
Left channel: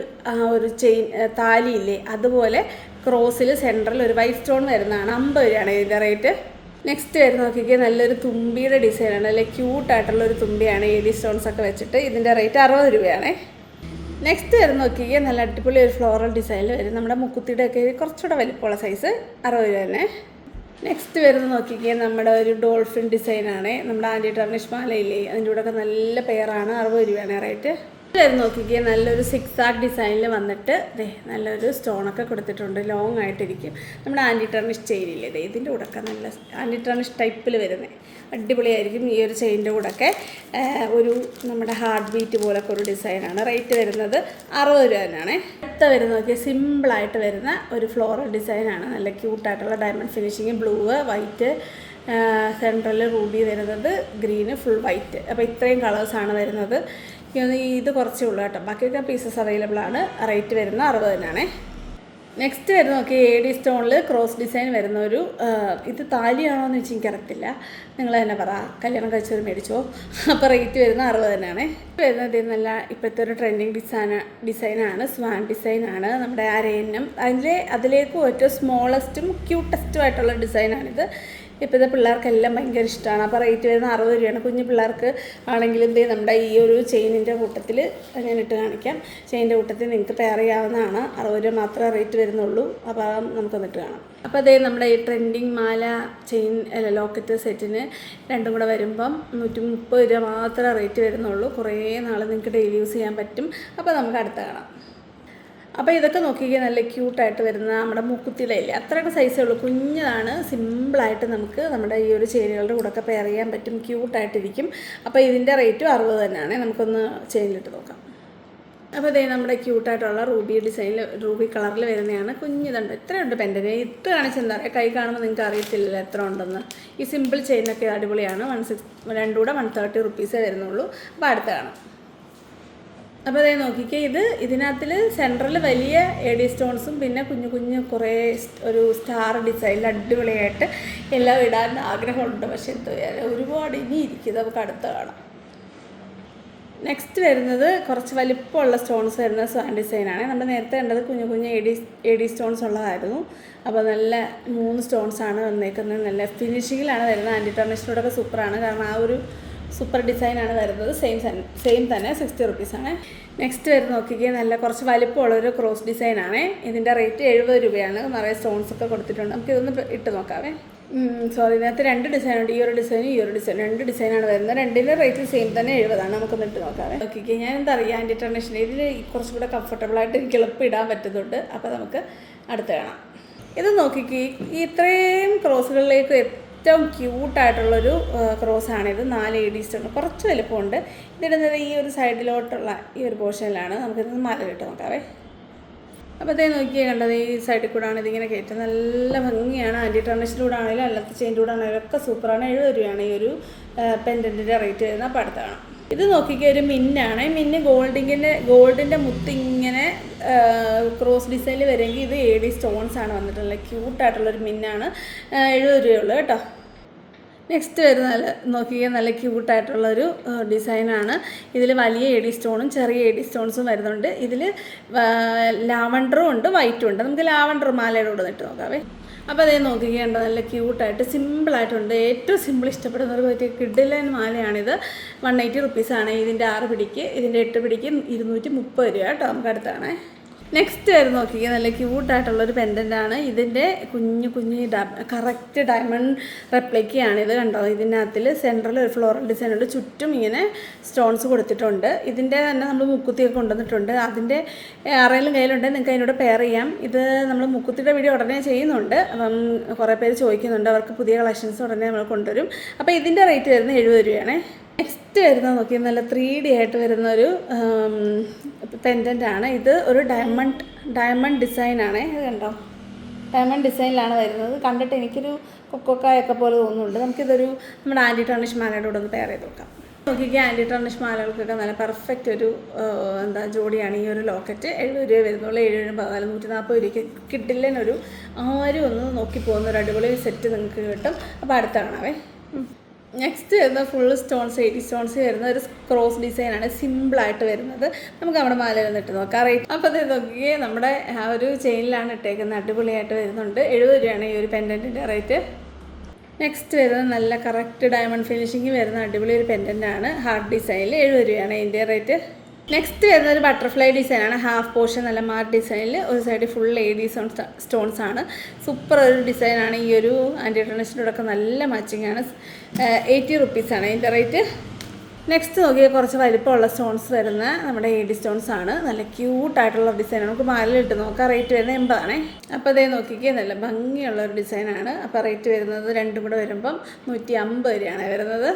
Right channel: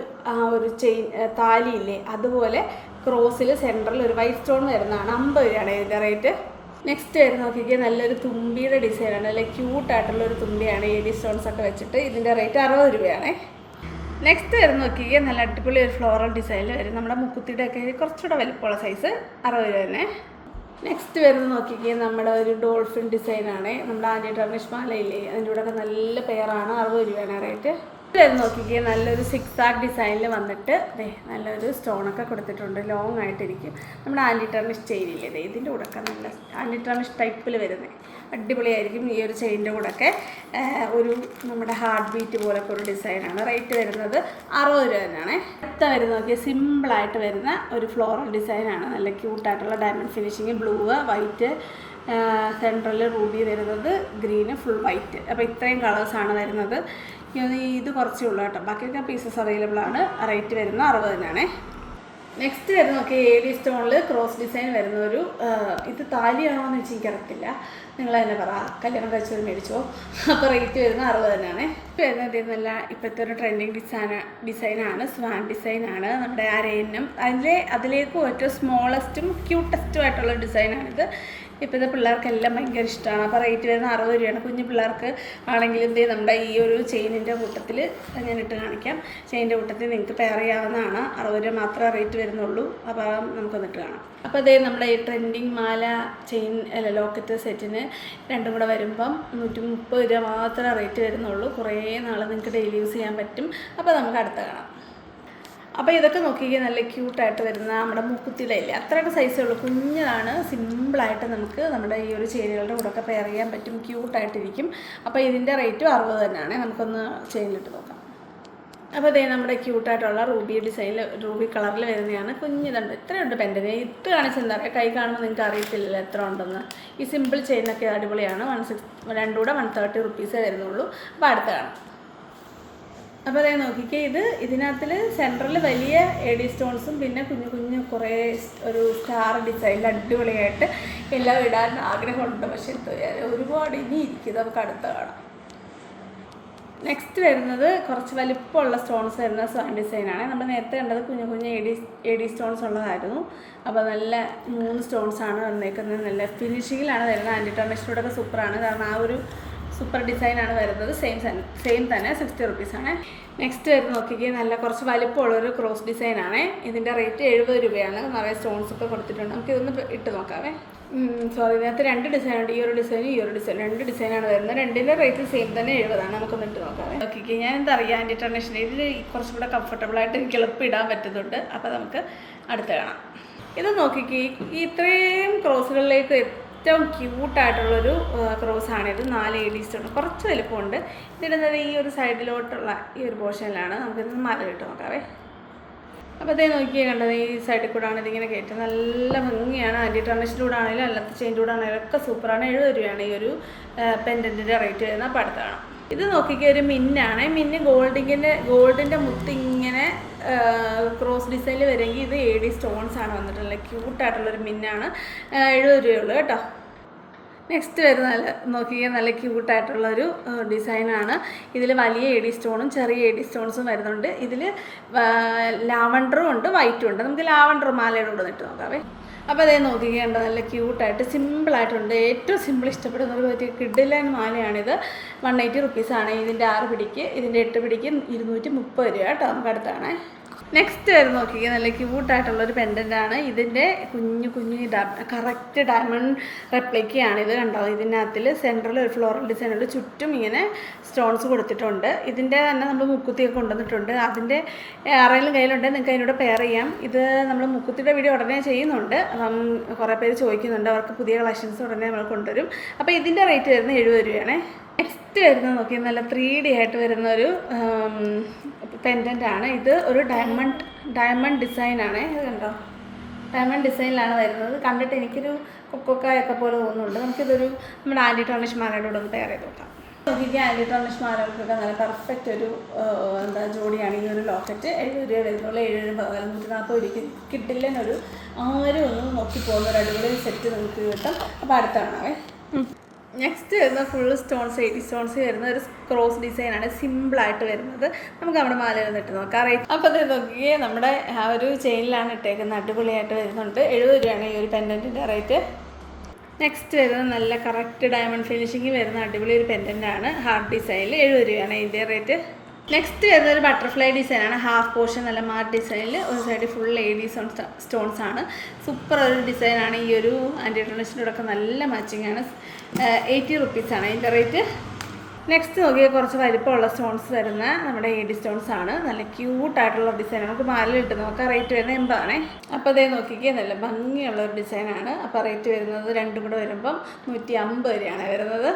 ഒരു ചെയിൻ താലിയില്ലേ, അതുപോലെ ക്രോസിൽ സെൻറ്ററിൽ ഒരു വൈറ്റ് സ്റ്റോൺ വരുന്നതാണ്. 50 രൂപയാണ് ഇതിൻ്റെ റേറ്റ്. നെക്സ്റ്റ് വരുന്ന നോക്കിക്കുക, നല്ലൊരു തുമ്പിയുടെ ഡിസൈനാണ്. നല്ല ക്യൂട്ടായിട്ടുള്ളൊരു തുമ്പിയാണ്. എഡി സ്റ്റോൺസ് ഒക്കെ വെച്ചിട്ട് ഇതിൻ്റെ റേറ്റ് 60 രൂപയാണ്. നെക്സ്റ്റ് വരുന്ന നോക്കിക്കുക, നല്ല അടിപൊളി ഒരു ഫ്ലോറൽ ഡിസൈനിൽ വരും. നമ്മുടെ മുക്കുത്തിയുടെ ഒക്കെ കുറച്ചുകൂടെ വലിപ്പമുള്ള സൈസ് 60 രൂപ തന്നെ. നെക്സ്റ്റ് വരുന്ന നോക്കിക്കുക, നമ്മുടെ ഒരു ഡോൾഫിൻ ഡിസൈനാണ്. നമ്മുടെ ആൻറ്റി ടർണിഷ് മാലയില്ലേ, അതിൻ്റെ കൂടെ ഒക്കെ നല്ല പെയറാണ്. 60 രൂപയാണ് റേറ്റ്. വരുന്ന നോക്കിക്കുക, നല്ലൊരു 6 ആർട്ട് ഡിസൈനിൽ വന്നിട്ട് നല്ലൊരു സ്റ്റോണൊക്കെ കൊടുത്തിട്ടുണ്ട്. ലോങ് ആയിട്ടിരിക്കും. നമ്മുടെ ആൻറ്റി ടർണിഷ് ചെയിനില്ലേ, ഇതിൻ്റെ കൂടെയൊക്കെ നല്ല ആൻറ്റി ടർണിഷ് ടൈപ്പിൽ വരുന്നത് അടിപൊളിയായിരിക്കും. ഈ ഒരു ചെയിനിൻ്റെ കൂടെയൊക്കെ ഒരു നമ്മുടെ ഹാർട്ട് ബീറ്റ് പോലൊക്കെ ഒരു ഡിസൈനാണ്. റേറ്റ് വരുന്നത് 60 രൂപ തന്നെയാണ്. അടുത്ത വരുന്ന നോക്കിയാൽ സിമ്പിളായിട്ട് വരുന്ന ഒരു ഫ്ലോറൽ ഡിസൈനാണ്. നല്ല ക്യൂട്ടായിട്ടുള്ള diamond finishing, blue, white, central ruby വരുന്നത്, ഗ്രീന്, ഫുൾ വൈറ്റ്. അപ്പോൾ ഇത്രയും കളേഴ്സാണ് വരുന്നത്. ഇത് കുറച്ചേ ഉള്ളൂ കേട്ടോ, ബാക്കിയൊക്കെ പീസസ് അവൈലബിൾ ആണ്. റേറ്റ് വരുന്ന 60 തന്നെയാണ്. നെക്സ്റ്റ് വരുന്ന നോക്കി, എഡി സ്റ്റോണിൽ ക്രോസ് ഡിസൈൻ വരുന്ന ഇത് താലിയാണോ എന്ന് വെച്ചാൽ എനിക്കറിയത്തില്ല, നിങ്ങൾ തന്നെ പറ, കല്യാണം കഴിച്ചത് മേടിച്ചോ. അപ്പോൾ റേറ്റ് വരുന്ന 60 തന്നെയാണ്. വരുന്നത് നല്ല ഇപ്പോഴത്തെ ഒരു ട്രെൻഡിങ് ഡിസൈനാണ്. സ്വാൻ ഡിസൈനാണ്. നമ്മുടെ അരയന്നം അതിലേക്ക് ഏറ്റവും സ്മോളസ്റ്റും ക്യൂട്ടസ്റ്റും ആയിട്ടുള്ള ഡിസൈനാണിത്. ഇപ്പോഴത്തെ പിള്ളേർക്കെല്ലാം ഭയങ്കര ഇഷ്ടമാണ്. അപ്പോൾ റേറ്റ് വരുന്ന 60 രൂപയാണ്. കുഞ്ഞു പിള്ളേർക്ക് ആണെങ്കിലും നമ്മുടെ ഈ ഒരു ചെയിനിൻ്റെ കൂട്ടത്തിൽ ഞാൻ ഇട്ട് കാണിക്കാം. ചെയിനിൻ്റെ കൂട്ടത്തിൽ നിങ്ങൾക്ക് പെയർ ചെയ്യാവുന്നതാണ്. 60 രൂപ മാത്രമേ റേറ്റ് വരുന്നുള്ളൂ. അപ്പോൾ നമുക്കൊന്നിട്ട് കാണാം. അപ്പോൾ നമ്മുടെ ഈ ട്രെൻഡിങ് മാല ചെയിൻ ലോക്കറ്റ് സെറ്റിന് രണ്ടും കൂടെ വരുമ്പം 130 രൂപ മാത്രമേ റേറ്റ് വരുന്നുള്ളൂ. കുറേ നാൾ നിങ്ങൾക്ക് ഡെയിലി യൂസ് ചെയ്യാൻ പറ്റും. അപ്പോൾ നമുക്ക് അടുത്ത കാണാം. അപ്പോൾ ഇതൊക്കെ നോക്കിക്കുക, നല്ല ക്യൂട്ടായിട്ട് വരുന്ന നമ്മുടെ മൂക്കുത്തിയിലല്ലേ, അത്രയൊക്കെ സൈസേ ഉള്ളൂ. കുഞ്ഞതാണ്. സിമ്പിളായിട്ട് നമുക്ക് നമ്മുടെ ഈ ഒരു ചെയിനുകളുടെ കൂടെയൊക്കെ പെയർ ചെയ്യാൻ പറ്റും. ക്യൂട്ടായിട്ടിരിക്കും. അപ്പോൾ ഇതിൻ്റെ റേറ്റും 60 തന്നെയാണ്. നമുക്കൊന്ന് ചെയിനിലിട്ട് നോക്കാം. അപ്പോൾ നമ്മുടെ ക്യൂട്ടായിട്ടുള്ള റൂബി ഡിസൈനിൽ, റൂബി കളറിൽ വരുന്നതാണ്. കുഞ്ഞിതുണ്ട്. ഇത്രയുണ്ട് പെൻഡന്. ഇട്ട് കാണിച്ചെന്താ പറയുക, കൈ കാണുമ്പോൾ നിങ്ങൾക്ക് അറിയത്തില്ലല്ലോ എത്ര ഉണ്ടെന്ന്. ഈ സിമ്പിൾ ചെയിനൊക്കെ അടിപൊളിയാണ്. 160 കൂടെ 130 റുപ്പീസേ വരുന്നുള്ളൂ. അപ്പോൾ അടുത്ത കാണാം. അപ്പോൾ നോക്കിക്കേ, ഇതിനകത്തിൽ സെൻട്രൽ വലിയ എഡി സ്റ്റോൺസും പിന്നെ കുഞ്ഞു കുഞ്ഞു കുറേ ഒരു സ്റ്റാർ ഡിസൈനിൽ അടിപൊളിയായിട്ട് എല്ലാം ഇടാൻ ആഗ്രഹമുണ്ട്. പക്ഷേ ഒരുപാട് ഇനി ഇരിക്കുന്നത്. നമുക്ക് അടുത്ത കാണാം. നെക്സ്റ്റ് വരുന്നത് കുറച്ച് വലിപ്പമുള്ള സ്റ്റോൺസ് വരുന്ന സ്വാൻ ഡിസൈനാണ്. നമ്മൾ നേരത്തെ കണ്ടത് കുഞ്ഞു കുഞ്ഞു എഡി സ്റ്റോൺസ് ഉള്ളതായിരുന്നു. അപ്പോൾ നല്ല 3 സ്റ്റോൺസാണ് വന്നേക്കുന്നത്. നല്ല ഫിനിഷിങ്ങിലാണ് വരുന്നത്. ആൻറ്റി ടർണിഷിനോടൊക്കെ സൂപ്പറാണ്. കാരണം ആ ഒരു സൂപ്പർ ഡിസൈനാണ് വരുന്നത്. സെയിം തന്നെ 60 റുപ്പീസാണ്. നെക്സ്റ്റ് വരുന്ന നോക്കിക്കുക, നല്ല കുറച്ച് വലിപ്പമുള്ളൊരു ക്രോസ് ഡിസൈനാണ്. ഇതിൻ്റെ റേറ്റ് 70 രൂപയാണ്. നിറയെ സ്റ്റോൺസൊക്കെ കൊടുത്തിട്ടുണ്ട്. നമുക്കിതൊന്ന് ഇട്ട് നോക്കാവേ. ഇതിനകത്ത് 2 ഡിസൈനുണ്ട്. ഈ ഒരു ഡിസൈനും ഈ ഒരു ഡിസൈൻ, 2 ഡിസൈനാണ് വരുന്നത്. രണ്ടിൻ്റെ റേറ്റ് സെയിം തന്നെ 70 നമുക്കൊന്ന് ഇട്ട് നോക്കാവേ. നോക്കിക്കുക, ഞാൻ എന്താ പറയുക, ആൻറ്റി ടർണിഷിൻ്റെ ഇതിൽ കുറച്ചും കൂടെ കംഫർട്ടബിളായിട്ട് എനിക്ക് എളുപ്പം ഇടാൻ പറ്റുന്നുണ്ട്. അപ്പോൾ നമുക്ക് അടുത്ത് കാണാം. ഇത് നോക്കിക്കുക, ഈ ഇത്രയും ക്രോസുകളിലേക്ക് ഏറ്റവും ക്യൂട്ടായിട്ടുള്ളൊരു ക്രോസാണിത്. 4 എഡി സ്റ്റോൺ, കുറച്ച് വലുപ്പമുണ്ട്. ഇതിടുന്നത് ഈ ഒരു സൈഡിലോട്ടുള്ള ഈ ഒരു പോർഷനിലാണ്. നമുക്കിത് മാലയിട്ട് നോക്കാവേ. അപ്പോൾ നോക്കിയേ, കണ്ടത് ഈ സൈഡിൽ കൂടെ ആണ് ഇതിങ്ങനെ കയറ്റുന്നത്. നല്ല ഭംഗിയാണ്. ആൻറ്റി ടർണിഷിൻ്റെ കൂടെ ആണെങ്കിലും അല്ലാത്ത ചെയിൻ്റെ കൂടെ ആണെങ്കിലും ഒക്കെ സൂപ്പറാണ്. 70 രൂപയാണ് ഈ ഒരു പെൻഡൻറ്റിൻ്റെ റേറ്റ് വരുന്നത്. അപ്പോൾ അടുത്താണ്. ഇത് നോക്കിക്കുക, ഒരു മിന്നാണ്. മിന്ന് ഗോൾഡിൻ്റെ മുത്ത് ഇങ്ങനെ ക്രോസ് ഡിസൈനിൽ വരുമെങ്കിൽ ഇത് എഡി സ്റ്റോൺസ് ആണ് വന്നിട്ടുള്ളത്. ക്യൂട്ടായിട്ടുള്ളൊരു മിന്നാണ്. 70 രൂപയുള്ളൂ കേട്ടോ. നെക്സ്റ്റ് വരുന്ന നോക്കിയാൽ നല്ല ക്യൂട്ടായിട്ടുള്ളൊരു ഡിസൈനാണ്. ഇതിൽ വലിയ എഡി സ്റ്റോണും ചെറിയ എഡി സ്റ്റോൺസും വരുന്നുണ്ട്. ഇതിൽ ലാവണ്ടറും ഉണ്ട്, വൈറ്റും ഉണ്ട്. നമുക്ക് ലാവണ്ടർ മാലയുടെ കൂടെ ഇട്ട് നോക്കാവേ. അപ്പോൾ അതേ നോക്കിക്കേണ്ട നല്ല ക്യൂട്ടായിട്ട് സിമ്പിളായിട്ടുണ്ട്. ഏറ്റവും സിമ്പിൾ ഇഷ്ടപ്പെടുന്നവർക്ക് പറ്റിയ കിഡിലൻ മാലയാണിത്. 180 റുപ്പീസാണ് ഇതിൻ്റെ 6 പിടിക്ക്. ഇതിൻ്റെ 8 പിടിക്ക് 230 രൂപ കേട്ടോ. നമുക്ക് അടുത്താണ്. നെക്സ്റ്റ് വരെ നോക്കിക്കുക നല്ല ക്യൂട്ടായിട്ടുള്ളൊരു പെൻഡൻ്റാണ്. ഇതിൻ്റെ കുഞ്ഞു കറക്റ്റ് ഡയമണ്ട് റെപ്ലിക്കയാണ് ഇത്. കണ്ടോ, ഇതിനകത്തിൽ സെൻട്രൽ ഒരു ഫ്ലോറൽ ഡിസൈൻ ഉണ്ട്, ചുറ്റും ഇങ്ങനെ സ്റ്റോൺസ് കൊടുത്തിട്ടുണ്ട്. ഇതിൻ്റെ തന്നെ നമ്മൾ മുക്കുത്തിയൊക്കെ കൊണ്ടുവന്നിട്ടുണ്ട്. അതിൻ്റെ ആരെങ്കിലും കയ്യിലുണ്ടെങ്കിൽ നിങ്ങൾക്ക് അതിനോട് പെയർ ചെയ്യാം. ഇത് നമ്മൾ മുക്കുത്തിയുടെ വീഡിയോ ഉടനെ ചെയ്യുന്നുണ്ട്. അപ്പം കുറേ പേര് ചോദിക്കുന്നുണ്ട്, അവർക്ക് പുതിയ കളക്ഷൻസ് ഉടനെ നമ്മൾ കൊണ്ടുവരും. അപ്പോൾ ഇതിൻ്റെ റേറ്റ് വരുന്നത് 70 രൂപയാണ്. നെക്സ്റ്റ് വരുന്നത് നോക്കി നല്ല 3D ആയിട്ട് വരുന്നൊരു പെൻഡൻ്റാണ്. ഇത് ഒരു ഡയമണ്ട് ഡിസൈനാണ്. ഇത് കണ്ടോ, ഡയമണ്ട് ഡിസൈനിലാണ് വരുന്നത്. കണ്ടിട്ട് എനിക്കൊരു കൊക്കോക്കായൊക്കെ പോലെ തോന്നുന്നുണ്ട്. നമുക്കിതൊരു നമ്മുടെ ആൻറ്റി ടർണിഷ് മാലയുടെ കൂടെ ഒന്ന് പെയർ ചെയ്ത് നോക്കാം. നോക്കിക്കുക, ആൻറ്റി ടർണിഷ് മാലകൾക്കൊക്കെ നല്ല പെർഫെക്റ്റ് ഒരു ജോഡിയാണ് ഈ ഒരു ലോക്കറ്റ്. 70 രൂപ വരുന്നുള്ളൂ. 7 140 രൂപയ്ക്ക് കിട്ടില്ലെന്നൊരു ആരും ഒന്ന് നോക്കി പോകുന്ന ഒരു അടിപൊളി സെറ്റ് നിങ്ങൾക്ക് കിട്ടും. അപ്പോൾ അടുത്ത കാണാവേ. നെക്സ്റ്റ് വരുന്ന ഫുൾ സ്റ്റോൺസ് 80 സ്റ്റോൺസ് വരുന്ന ഒരു ക്രോസ് ഡിസൈനാണ്. സിമ്പിളായിട്ട് വരുന്നത്. നമുക്ക് നമ്മുടെ മാലയിൽ ഇട്ട് നോക്കാം. അപ്പോൾ അത് നോക്കിയേ, നമ്മുടെ ആ ഒരു ചെയിനിലാണ് ഇട്ടേക്കുന്നത്. അടിപൊളിയായിട്ട് വരുന്നുണ്ട്. 70 രൂപയാണ് ഈ ഒരു പെൻഡൻറ്റിൻ്റെ റേറ്റ്. നെക്സ്റ്റ് വരുന്നത് നല്ല കറക്റ്റ് ഡയമണ്ട് ഫിനിഷിങ് വരുന്ന അടിപൊളി ഒരു പെൻഡൻ്റാണ്. ഹാർട്ട് ഡിസൈനിൽ 70 രൂപയാണ് ഇതിൻ്റെ റേറ്റ്. നെക്സ്റ്റ് വരുന്ന ഒരു ബട്ടർഫ്ലൈ ഡിസൈനാണ്. ഹാഫ് പോർഷൻ നല്ല മാർട്ട് ഡിസൈനിൽ, ഒരു സൈഡ് ഫുൾ എഡി സ്റ്റോൺസ് ആണ്. സൂപ്പർ ഒരു ഡിസൈനാണ്. ഈ ഒരു ആൻറ്റി ടർണിഷിനോടൊക്കെ നല്ല മാച്ചിങ് ആണ്. 80 റുപ്പീസാണ് ഇതിൻ്റെ റേറ്റ്. നെക്സ്റ്റ് നോക്കിയാൽ കുറച്ച് വലിപ്പമുള്ള സ്റ്റോൺസ് വരുന്ന നമ്മുടെ എഡി സ്റ്റോൺസ് ആണ്. നല്ല ക്യൂട്ടായിട്ടുള്ള ഡിസൈനാണ്. നമുക്ക് മാലയിലിട്ട് നോക്കാം. റേറ്റ് വരുന്നത് 80 ആണേ. അപ്പോൾ അതേ നോക്കിക്കുക, നല്ല ഭംഗിയുള്ളൊരു ഡിസൈനാണ്. അപ്പോൾ റേറ്റ് വരുന്നത് രണ്ടും കൂടെ വരുമ്പം 150 രൂപയാണ് വരുന്നത്.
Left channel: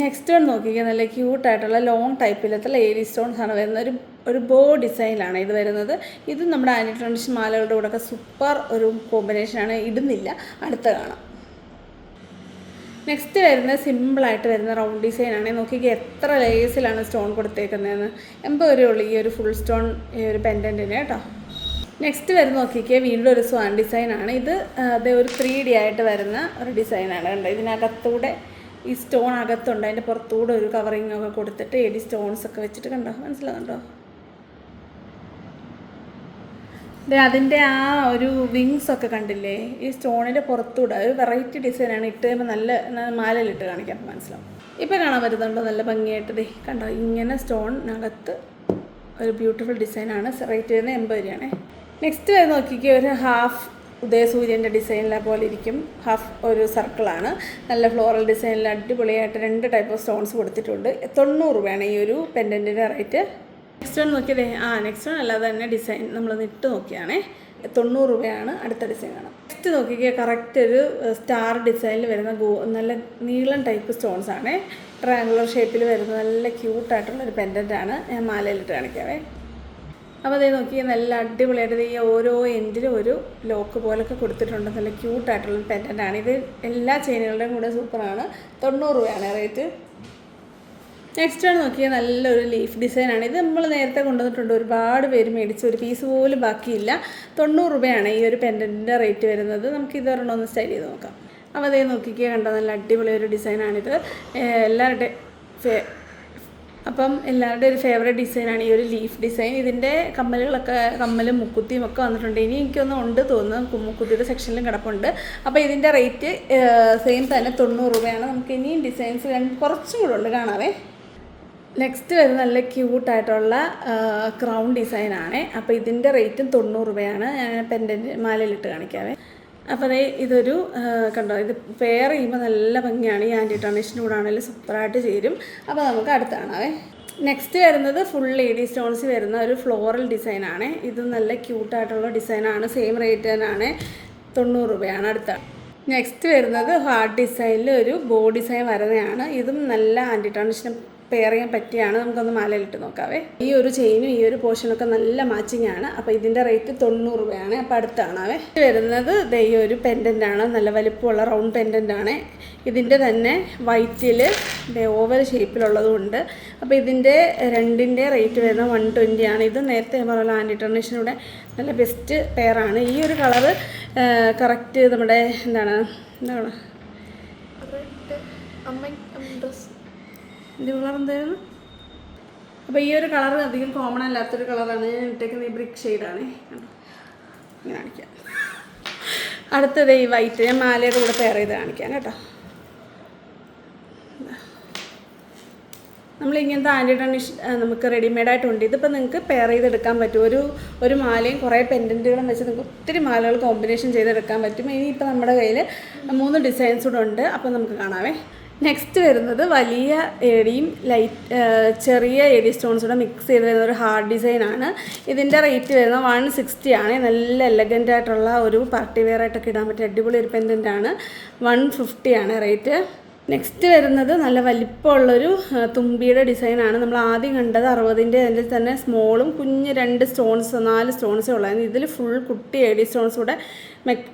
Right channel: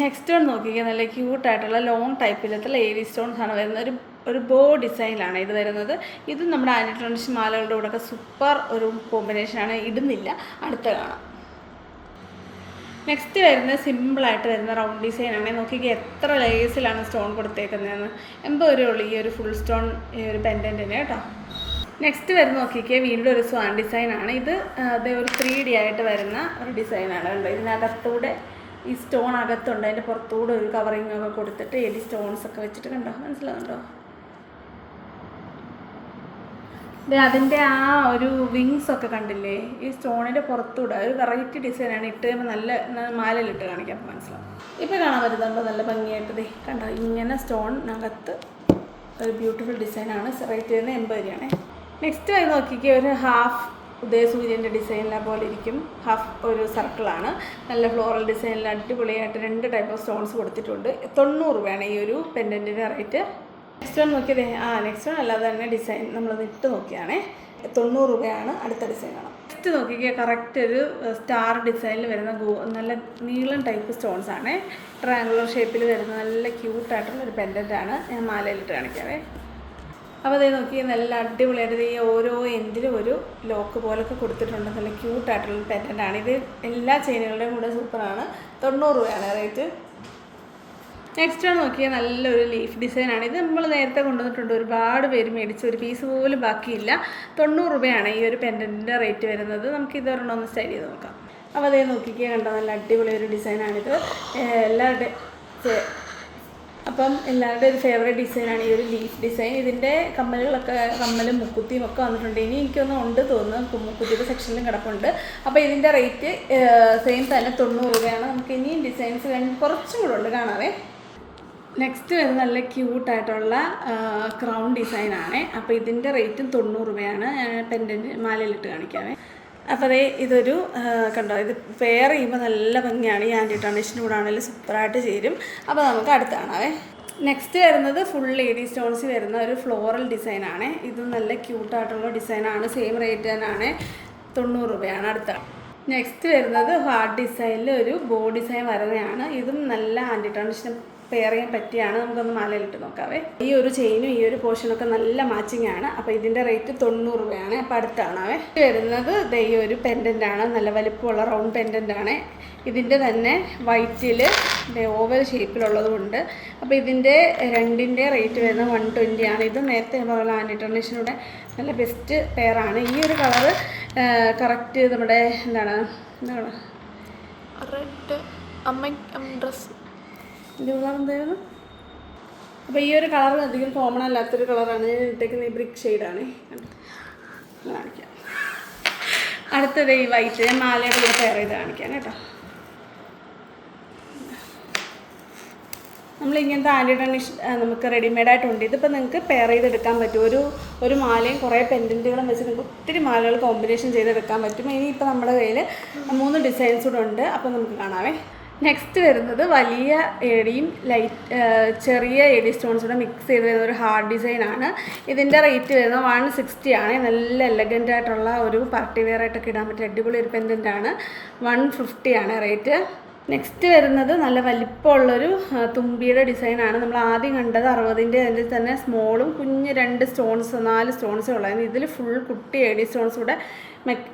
നെക്സ്റ്റ് വൺ നോക്കിക്കുക, നല്ല ക്യൂട്ടായിട്ടുള്ള ലോങ് ടൈപ്പിലത്തുള്ള എഡി സ്റ്റോൺസ് ആണ് വരുന്നത്. ഒരു ബോ ഡിസൈനിലാണ് ഇത് വരുന്നത്. ഇത് നമ്മുടെ ആൻറ്റി ടർണിഷ് മാലകളുടെ കൂടെയൊക്കെ സൂപ്പർ ഒരു കോമ്പിനേഷനാണ്. ഇടുന്നില്ല, അടുത്ത കാണാം. നെക്സ്റ്റ് വരുന്നത് സിമ്പിളായിട്ട് വരുന്ന റൗണ്ട് ഡിസൈനാണ്. നോക്കിക്കുക എത്ര ലേസിലാണ് സ്റ്റോൺ കൊടുത്തേക്കുന്നതെന്ന്. 80 രൂപയുള്ളൂ ഈ ഒരു ഫുൾ സ്റ്റോൺ ഈ ഒരു പെൻഡൻറ്റിന് കേട്ടോ. നെക്സ്റ്റ് വരുന്ന നോക്കിക്കുക, വീണ്ടും ഒരു സ്വാൻ ഡിസൈനാണ്. ഇത് അതേ ഒരു 3D ആയിട്ട് വരുന്ന ഒരു ഡിസൈനാണ്. കണ്ടോ, ഇതിനകത്തൂടെ ഈ സ്റ്റോൺ അകത്തുണ്ട്, അതിൻ്റെ പുറത്തൂടെ ഒരു കവറിങ് ഒക്കെ കൊടുത്തിട്ട് എഡി സ്റ്റോൺസ് ഒക്കെ വെച്ചിട്ട് കണ്ടോ, മനസ്സിലാകുന്നുണ്ടോ? അതിൻ്റെ ആ ഒരു വിങ്സ് ഒക്കെ കണ്ടില്ലേ, ഈ സ്റ്റോണിൻ്റെ പുറത്തൂടെ ഒരു വെറൈറ്റി ഡിസൈനാണ്. ഇട്ട് കഴിയുമ്പോൾ നല്ല മാലയിലിട്ട് കാണിക്കാം, അപ്പോൾ മനസ്സിലാവും. ഇപ്പോൾ കാണാൻ പറ്റുന്നുണ്ടോ നല്ല ഭംഗിയായിട്ട്? കണ്ടോ, ഇങ്ങനെ സ്റ്റോണിനകത്ത് ഒരു ബ്യൂട്ടിഫുൾ ഡിസൈനാണ്. റേറ്റ് വരുന്നത് 80 രൂപയാണേ. നെക്സ്റ്റ് ആയി നോക്കിക്കുക, ഒരു ഹാഫ് ഉദയസൂര്യൻ്റെ ഡിസൈനിലെ പോലെ ഇരിക്കും. ഹാഫ് ഒരു സർക്കിളാണ്. നല്ല ഫ്ലോറൽ ഡിസൈനിൽ അടിപൊളിയായിട്ട് 2 ടൈപ്പ് ഓഫ് സ്റ്റോൺസ് കൊടുത്തിട്ടുണ്ട്. 90 രൂപയാണ് ഈ ഒരു പെൻഡൻറ്റിൻ്റെ റേറ്റ്. നെക്സ്റ്റ് വൺ നോക്കിയതേ, നെക്സ്റ്റ് വൺ അല്ലാതെ തന്നെ ഡിസൈൻ നമ്മളത് ഇട്ട് നോക്കിയാണേ. 90 രൂപയാണ്. അടുത്ത ഡിസൈൻ കാണാം. നെക്സ്റ്റ് നോക്കിക്കുക, കറക്റ്റ് ഒരു സ്റ്റാർ ഡിസൈനിൽ വരുന്ന നല്ല നീളം ടൈപ്പ് സ്റ്റോൺസ് ആണ്. ട്രയാങ്കുലർ ഷേപ്പിൽ വരുന്ന നല്ല ക്യൂട്ടായിട്ടുള്ളൊരു പെൻഡൻ്റാണ്. ഞാൻ മാലയിലിട്ട് കാണിക്കാവേ. അപ്പോൾ അതേ നോക്കി, നല്ല അടിപൊളിയായിട്ട് ഈ ഓരോ എൻഡിലും ഒരു ലോക്ക് പോലൊക്കെ കൊടുത്തിട്ടുണ്ട്. നല്ല ക്യൂട്ടായിട്ടുള്ളൊരു പെൻഡൻ്റാണ്. ഇത് എല്ലാ ചെയിനുകളുടെയും കൂടെ സൂപ്പറാണ്. 90 രൂപയാണ് റേറ്റ്. നെക്സ്റ്റ് ആണ് നോക്കിയാൽ നല്ലൊരു ലീഫ് ഡിസൈനാണ്. ഇത് നമ്മൾ നേരത്തെ കൊണ്ടുവന്നിട്ടുണ്ട്. ഒരുപാട് പേര് മേടിച്ച് ഒരു പീസ് പോലും ബാക്കിയില്ല. 90 രൂപയാണ് ഈ ഒരു പെൻഡൻറ്റിൻ്റെ റേറ്റ് വരുന്നത്. നമുക്ക് ഇത് ഒരെണ്ണം ഒന്ന് സ്റ്റൈൽ ചെയ്ത് നോക്കാം. അപ്പോൾ അതേ നോക്കിക്കുക, കണ്ടോ, നല്ല അടിപൊളി ഒരു ഡിസൈനാണിത്. എല്ലാവരുടെയും ഒരു ഫേവറേറ്റ് ഡിസൈനാണ് ഈ ഒരു ലീഫ് ഡിസൈൻ. ഇതിൻ്റെ കമ്മലും മുക്കുത്തിയും ഒക്കെ വന്നിട്ടുണ്ട്. ഇനി എനിക്കൊന്നും ഉണ്ട് തോന്നുന്നു, മുക്കുത്തിയുടെ സെക്ഷനിലും കിടപ്പുണ്ട്. അപ്പോൾ ഇതിൻ്റെ റേറ്റ് സെയിം തന്നെ 90 രൂപയാണ്. നമുക്ക് ഇനിയും ഡിസൈൻസ് കുറച്ചും കൂടെ ഉണ്ട്, കാണാവേ. നെക്സ്റ്റ് വരുന്ന നല്ല ക്യൂട്ടായിട്ടുള്ള ക്രൗൺ ഡിസൈനാണ്. അപ്പോൾ ഇതിൻ്റെ റേറ്റും 90 രൂപയാണ്. പെൻഡൻറ്റ് മാലയിലിട്ട് കാണിക്കാവേ. അപ്പോൾ ഇതൊരു കണ്ടോ, ഇത് പെയർ ചെയ്യുമ്പോൾ നല്ല ഭംഗിയാണ്. ഈ ആൻറ്റി ടർണിഷിൻ്റെ കൂടെ ആണെങ്കിലും സൂപ്പറായിട്ട് ചേരും. അപ്പോൾ നമുക്ക് അടുത്ത് കാണാവേ. നെക്സ്റ്റ് വരുന്നത് ഫുൾ എഡി സ്റ്റോൺസ് വരുന്ന ഒരു ഫ്ലോറൽ ഡിസൈനാണ്. ഇത് നല്ല ക്യൂട്ടായിട്ടുള്ള ഡിസൈനാണ്. സെയിം റേറ്റ് തന്നെയാണ്, 90 രൂപയാണ്. അടുത്ത നെക്സ്റ്റ് വരുന്നത് ഹാർട്ട് ഡിസൈനിൽ ഒരു ബോ ഡിസൈൻ വരുന്നതാണ്. ഇതും നല്ല ആൻറ്റി ടർണിഷിന് പെയർ ചെയ്യാൻ പറ്റിയാണ്. നമുക്കൊന്ന് മാലയിലിട്ട് നോക്കാവേ. ഈ ഒരു ചെയിനും ഈ ഒരു പോർഷനൊക്കെ നല്ല മാച്ചിങ് ആണ്. അപ്പോൾ ഇതിൻ്റെ റേറ്റ് 90 രൂപയാണ്. അപ്പോൾ അടുത്താണാവേ. വരുന്നത് ഈ ഒരു പെൻഡൻ്റാണ്. നല്ല വലിപ്പമുള്ള റൗണ്ട് പെൻഡൻ്റാണ്. ഇതിൻ്റെ തന്നെ വൈറ്റിൽ ഓവൽ ഷേപ്പിലുള്ളതുകൊണ്ട്. അപ്പോൾ ഇതിൻ്റെ രണ്ടിൻ്റെ റേറ്റ് വരുന്നത് 120 ആണ്. ഇത് നേരത്തെ പറഞ്ഞ ആൻറ്റി ടർണിഷിനൂടെ നല്ല ബെസ്റ്റ് പെയറാണ്. ഈ ഒരു കളറ് കറക്റ്റ് നമ്മുടെ എന്താണ് ഡ്രസ് ഇതിൻ്റെ കളർ എന്തായിരുന്നു? അപ്പോൾ ഈ ഒരു കളർ അധികം കോമൺ അല്ലാത്തൊരു കളറാണ് ഞാൻ ഇട്ടേക്കുന്നത്. ഈ ബ്രിക്ക് ഷെയ്ഡാണ്. ഞാൻ കാണിക്കാം. അടുത്തത് ഈ വൈറ്റ് ഞാൻ മാലയുടെ കൂടെ പെയർ ചെയ്ത് കാണിക്കാം കേട്ടോ. നമ്മളിങ്ങനത്തെ ആൻറ്റി ടർണിഷ് നമുക്ക് റെഡിമെയ്ഡായിട്ടുണ്ട്. ഇതിപ്പോൾ നിങ്ങൾക്ക് പെയർ ചെയ്തെടുക്കാൻ പറ്റും. ഒരു മാലയും കുറേ പെൻഡൻറ്റുകളും വെച്ച് നിങ്ങൾക്ക് ഒത്തിരി മാലകൾ കോമ്പിനേഷൻ ചെയ്തെടുക്കാൻ പറ്റും. ഇനിയിപ്പോൾ നമ്മുടെ കയ്യിൽ 3 ഡിസൈൻസ് കൂടെ ഉണ്ട്. അപ്പോൾ നമുക്ക് കാണാവേ. നെക്സ്റ്റ് വരുന്നത് വലിയ എടിയും ചെറിയ എഡി സ്റ്റോൺസ് കൂടെ മിക്സ് ചെയ്ത് വരുന്ന ഒരു ഹാർഡ് ഡിസൈനാണ്. ഇതിൻ്റെ റേറ്റ് വരുന്നത് 160 ആണ്. നല്ല എലഗൻ്റ് ആയിട്ടുള്ള ഒരു പാർട്ടി വെയർ ആയിട്ടൊക്കെ ഇടാൻ പറ്റിയ അടിപൊളി ഒരു പെൻഡൻ്റാണ്. 150 ആണ് റേറ്റ്. നെക്സ്റ്റ് വരുന്നത് നല്ല വലിപ്പമുള്ളൊരു തുമ്പിയുടെ ഡിസൈനാണ്. നമ്മൾ ആദ്യം കണ്ടത് 60ൻ്റെ അതിൽ തന്നെ സ്മോളും കുഞ്ഞ് 4 സ്റ്റോൺസേ ഉള്ളായിരുന്നു. ഇതിൽ ഫുൾ കുട്ടി എഡി സ്റ്റോൺസ് കൂടെ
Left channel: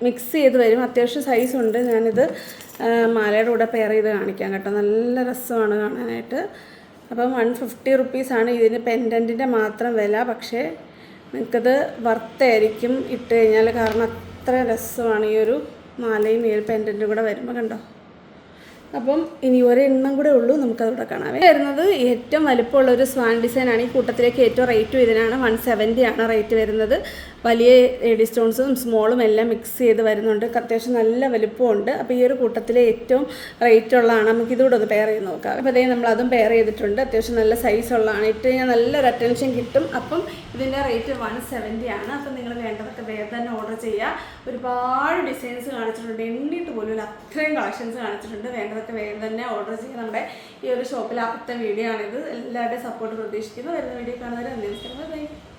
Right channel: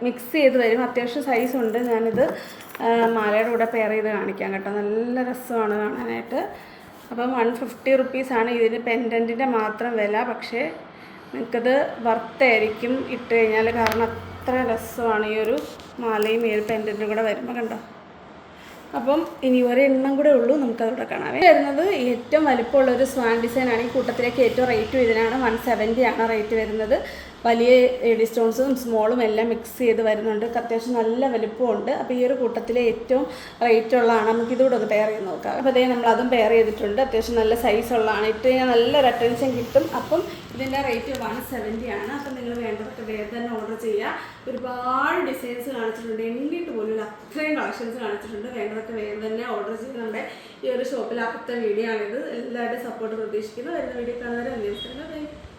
മിക്സ് ചെയ്ത് വരും. അത്യാവശ്യം സൈസുണ്ട്. ഞാനിത് മാലയുടെ കൂടെ പെയർ ചെയ്ത് കാണിക്കാം കേട്ടോ. നല്ല രസമാണ് കാണാനായിട്ട്. അപ്പം 150 റുപ്പീസാണ് ഇതിന് പെൻഡൻറ്റിൻ്റെ മാത്രം വില. പക്ഷേ നിങ്ങൾക്കത് വർത്തായിരിക്കും ഇട്ട് കഴിഞ്ഞാൽ. കാരണം അത്ര രസമാണ് ഈ ഒരു മാലയും ഈ ഒരു പെൻഡൻറ്റും കൂടെ വരുമ്പോൾ. കണ്ടോ? അപ്പം ഇനി ഒരെണ്ണം കൂടെ ഉള്ളൂ, നമുക്കതോടെ കാണാം. വരുന്നത് ഏറ്റവും വലിപ്പമുള്ള ഒരു സ്വാൻ ഡിസൈനാണ്. ഈ കൂട്ടത്തിലേക്ക് ഏറ്റവും റേറ്റ് ഇതിനാണ്. 170 ആണ് റേറ്റ് വരുന്നത്. വലിയ എഡി സ്റ്റോൺസും സ്മോളും എല്ലാം മിക്സ് ചെയ്ത് വരുന്നുണ്ട്. അത്യാവശ്യം നല്ല വലിപ്പമുണ്ട്. അപ്പോൾ ഈ ഒരു കൂട്ടത്തിലെ ഏറ്റവും റേറ്റ് ഉള്ളതാണ്. നമുക്കിതുകൂടെ ഒന്ന് പെയർ ചെയ്ത് നോക്കാം. അപ്പോൾ അതേ നമ്മളതും പെയർ ചെയ്തിട്ടുണ്ട്. അത്യാവശ്യം നല്ല സൈസുള്ളതാണ്. ഇട്ട് കഴിഞ്ഞാൽ നല്ലൊരു അറ്റൻഷൻ കിട്ടും. അപ്പം ഇതിൻ്റെ റേറ്റ് 170 ആണ്. അപ്പം നിങ്ങൾ വേണ്ടതൊക്കെ വേഗം തന്നെ ഓർഡർ ചെയ്യുക. ഒരുപാട് ഡിസൈൻസ് കാണിച്ചിട്ടുണ്ട്. എണ്ണിയിട്ട് പോലും അത്രയും കളക്ഷൻസ് കാണിച്ചിട്ടുണ്ട്. വേണ്ടതൊക്കെ വേഗം തന്നെ ഓർഡർ ചെയ്യുക. നമ്മുടെ ഈ ഒരു ഷോപ്പിൽ ആദ്യത്തെ വീഡിയോ ആണിത്. എല്ലാവരുടെയും സപ്പോർട്ട് പ്രതീക്ഷിക്കുന്നു. വരുന്ന വീഡിയോ കാണുന്നവരെ അന്വേഷിക്കുന്നത്.